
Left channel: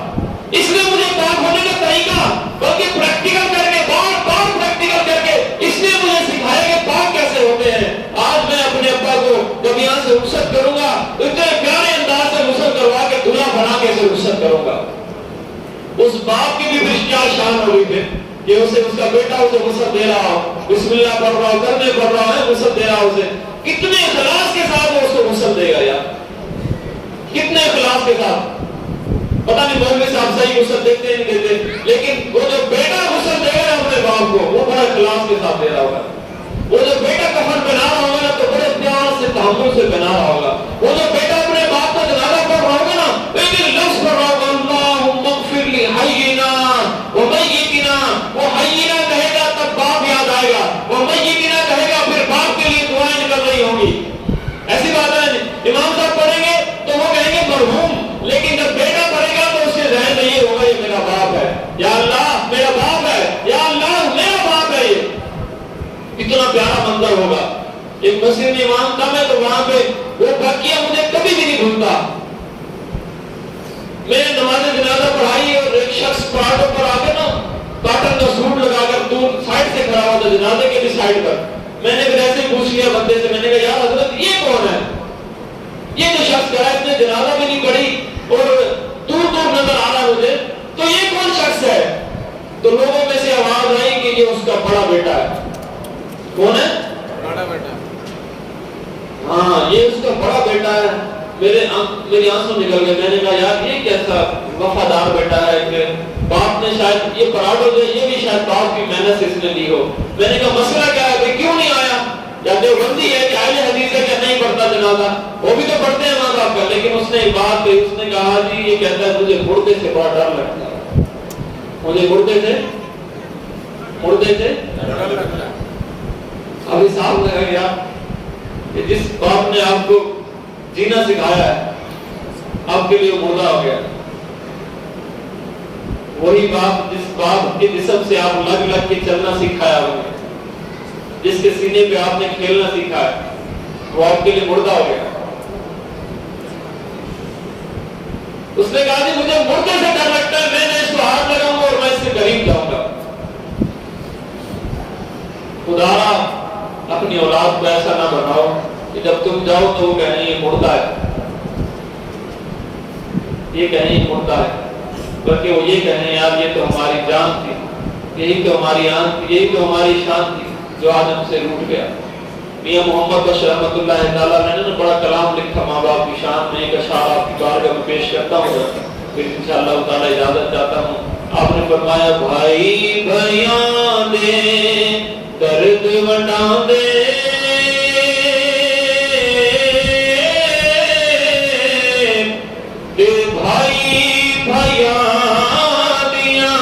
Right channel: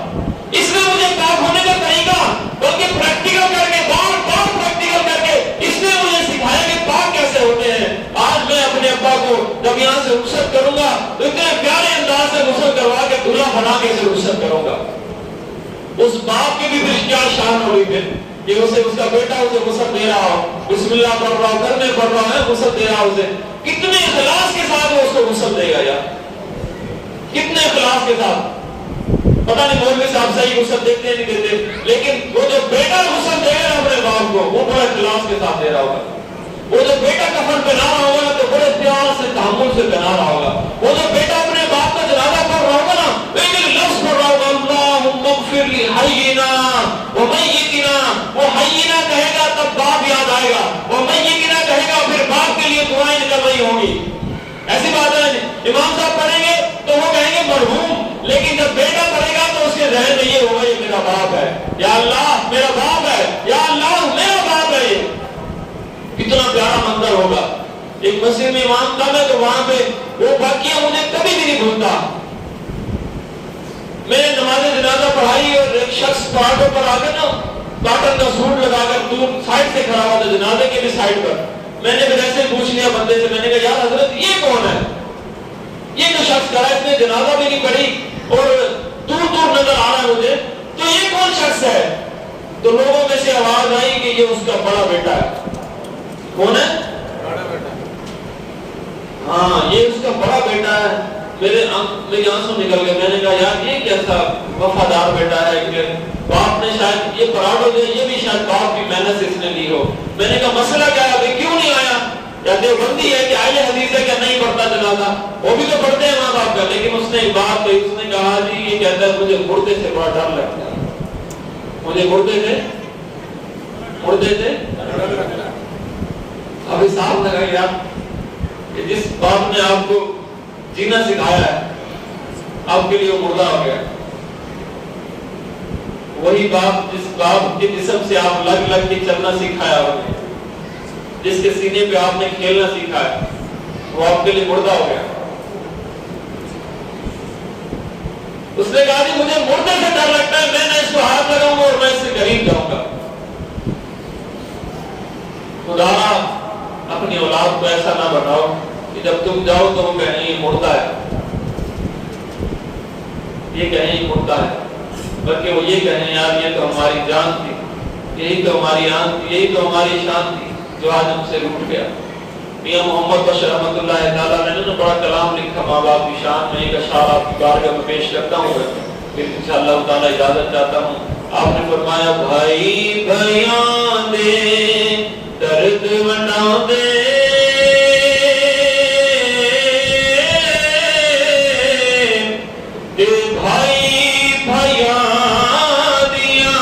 اس نے مجھے پاک ہونے کا طریقہ بلکہ پریکٹیکل کر کے, بار بار پریکٹیکل کر کے اس نے مجھے سکھایا کہ پاک کیسے ہوتے ہیں. آج میں اپنے ابا کو جب یہاں سے رخصت کروں گا تو اتنے پیارے انداز سے غسل کروا کے دلہا بنا کے اسے رخصت کروں گا. اس باپ کی بھی پھر کیا شان ہوئی پھر کہ اسے, اس کا بیٹا اسے غسل دے رہا ہو, بسم اللہ پڑھ رہا ہو, کرنے پڑھ رہا ہے, غسل دے رہا ہو اسے. کتنے اخلاص کے ساتھ وہ اس کو غسل دے گا یار, کتنے اخلاص کے ساتھ. پتہ نہیں مولوی صاحب صحیح غسل دیتے ہیں نہیں دیتے, لیکن وہ جو بیٹا غسل دے گا اپنے باپ کو وہ بڑے اخلاص کے ساتھ دے رہا ہوگا. وہ جو بیٹا کفن پہنا رہا ہوگا تو بڑے پیار سے تحمل سے پہنا رہا ہوگا. وہ جو بیٹا اپنے باپ کا جنازہ پڑھ رہا ہوگا نا, ایک لفظ پڑھ رہا ہوگا اللہم اغفر لحینا ومیتنا, وہ حینا کہے گا تب باپ یاد آئے گا, وہ میتنا کہے گا پھر باپ کے لیے دعائیں نکل رہی ہوں گی. ایسی بات ہے. امام صاحب پڑھیں گے تو وہ کہیں گے مرحوم, لیکن جب بیٹا پڑھے گا تو اس کے ذہن میں یہ ہوگا یہ میرا باپ ہے, یا اللہ میرا باپ ہے, یا اللہ میرا باپ ہے. یہ کتنا پیارا منظر ہوگا. ایک مسجد میں امام تھا میں, تو وہاں پہ وہ واقعہ مجھے کبھی بھی نہیں بھولتا. میں نے نماز جنازہ پڑھائی اور ایک شخص پہاڑوں پر آ کر نا کاٹن کا سوٹ لگا کر دور سائڈ سے کھڑا ہوا تھا, جنازے کے بھی سائڈ پر. میں نے پھر ایسے پوچھ لیا بندے سے, میں نے کہا یار حضرت یہ کون ہے, یہ جو شخص کھڑا ہے, اس نے جنازہ بھی نہیں پڑھی اور دور دور نظر آ رہا ہے مجھے, تو یہ کون شخص ہے؟ تو لوگوں میں سے آواز آئی کہ یہ اس کا بڑا بیٹا ہے. کون ہے؟ ہاں یہ اس کا بڑا بیٹا ہے. میری آنسو نکل گئے. میں نے کہا یار یہ کیسا وفادار بیٹا ہے کہ باپ نے شاید یہ پراٹھو دے, یہ بھی شاید باپ کی محنت سے اس نے دی ہو. میں نے کہا مسئلہ کیا ہے, کیوں نہیں آیا؟ یا دیوبندی ہے کہ اہل حدیث ہے کہ نہیں پڑھتا جنازہ؟ وہ بھی تو پڑھتے ہیں ماں باپ کا. لیکن اس نے ایک بات کہی, اس نے کہا جی یہ کہتا ہے مجھے مردے سے بڑا ڈر لگتا ہے, مجھے مردے سے اب حساب لگا گیا کہ جس باپ نے آپ کو جینا سکھایا ہے آپ کے لیے وہ مردہ ہو گیا. وہی باپ جس باپ کے جسم سے آپ لگ لگ کے چلنا سکھایا آپ نے, جس کے سینے پہ آپ نے کھیلنا سیکھا ہے, وہ آپ کے لیے مردہ ہو گیا. اس نے کہا کہ مجھے مردے سے ڈر لگتا ہے, میں نہ اس کو ہاتھ لگاؤں گا اور میں اس سے قریب جاؤں گا. خدا اپنی اولاد کو ایسا نہ بناؤ کہ جب تم جاؤ تو وہ کہیں یہ مردہ ہے, یہ کہیں یہ مردہ ہے, بلکہ وہ یہ کہیں یار یہ تو ہماری جان تھی, یہی تو ہماری آن تھی, یہی تو ہماری شان تھی جو آج ہم سے روٹ گیا. میاں محمد بشیر رحمۃ اللہ تعالیٰ نے بڑا کلام لکھا ماں باپ کی شان میں, ایک اشعار آپ کی بارگاہ میں پیش کرتا ہوں, پھر انشاءاللہ تعالیٰ اجازت چاہتا ہوں. آپ نے فرمایا بھائی بھائیاں دے درد بنا دے, بھائی بھائیاں دیا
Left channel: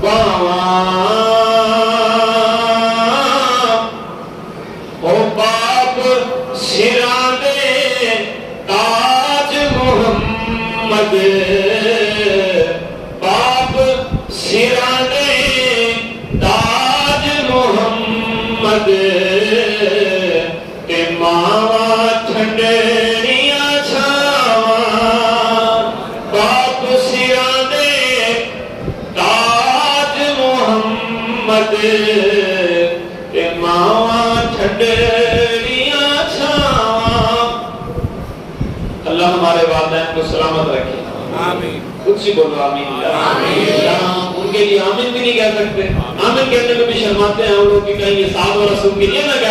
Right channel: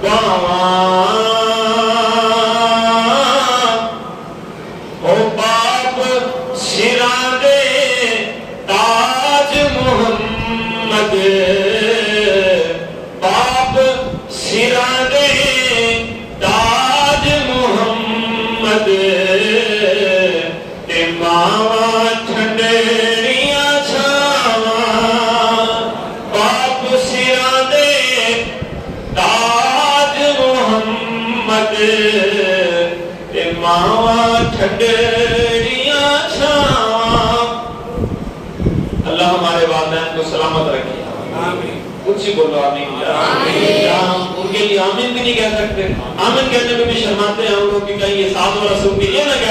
باواں محمد تے ماوا ٹھنڈڑیاں چھاواں باپ سیاں دے تاج محمد تے ماوا ٹھنڈڑیاں چھاواں. اللہ ہمارے والدین کو سلامت رکھے. آمین. خود سے بولو آمین. ان کے لیے آمین بھی نہیں کہہ سکتے. آمین کہنے کو بھی شرماتے ہیں ہم لوگ کہ کہیں یہ ساتھ و رسول کے لیے نہ کہہ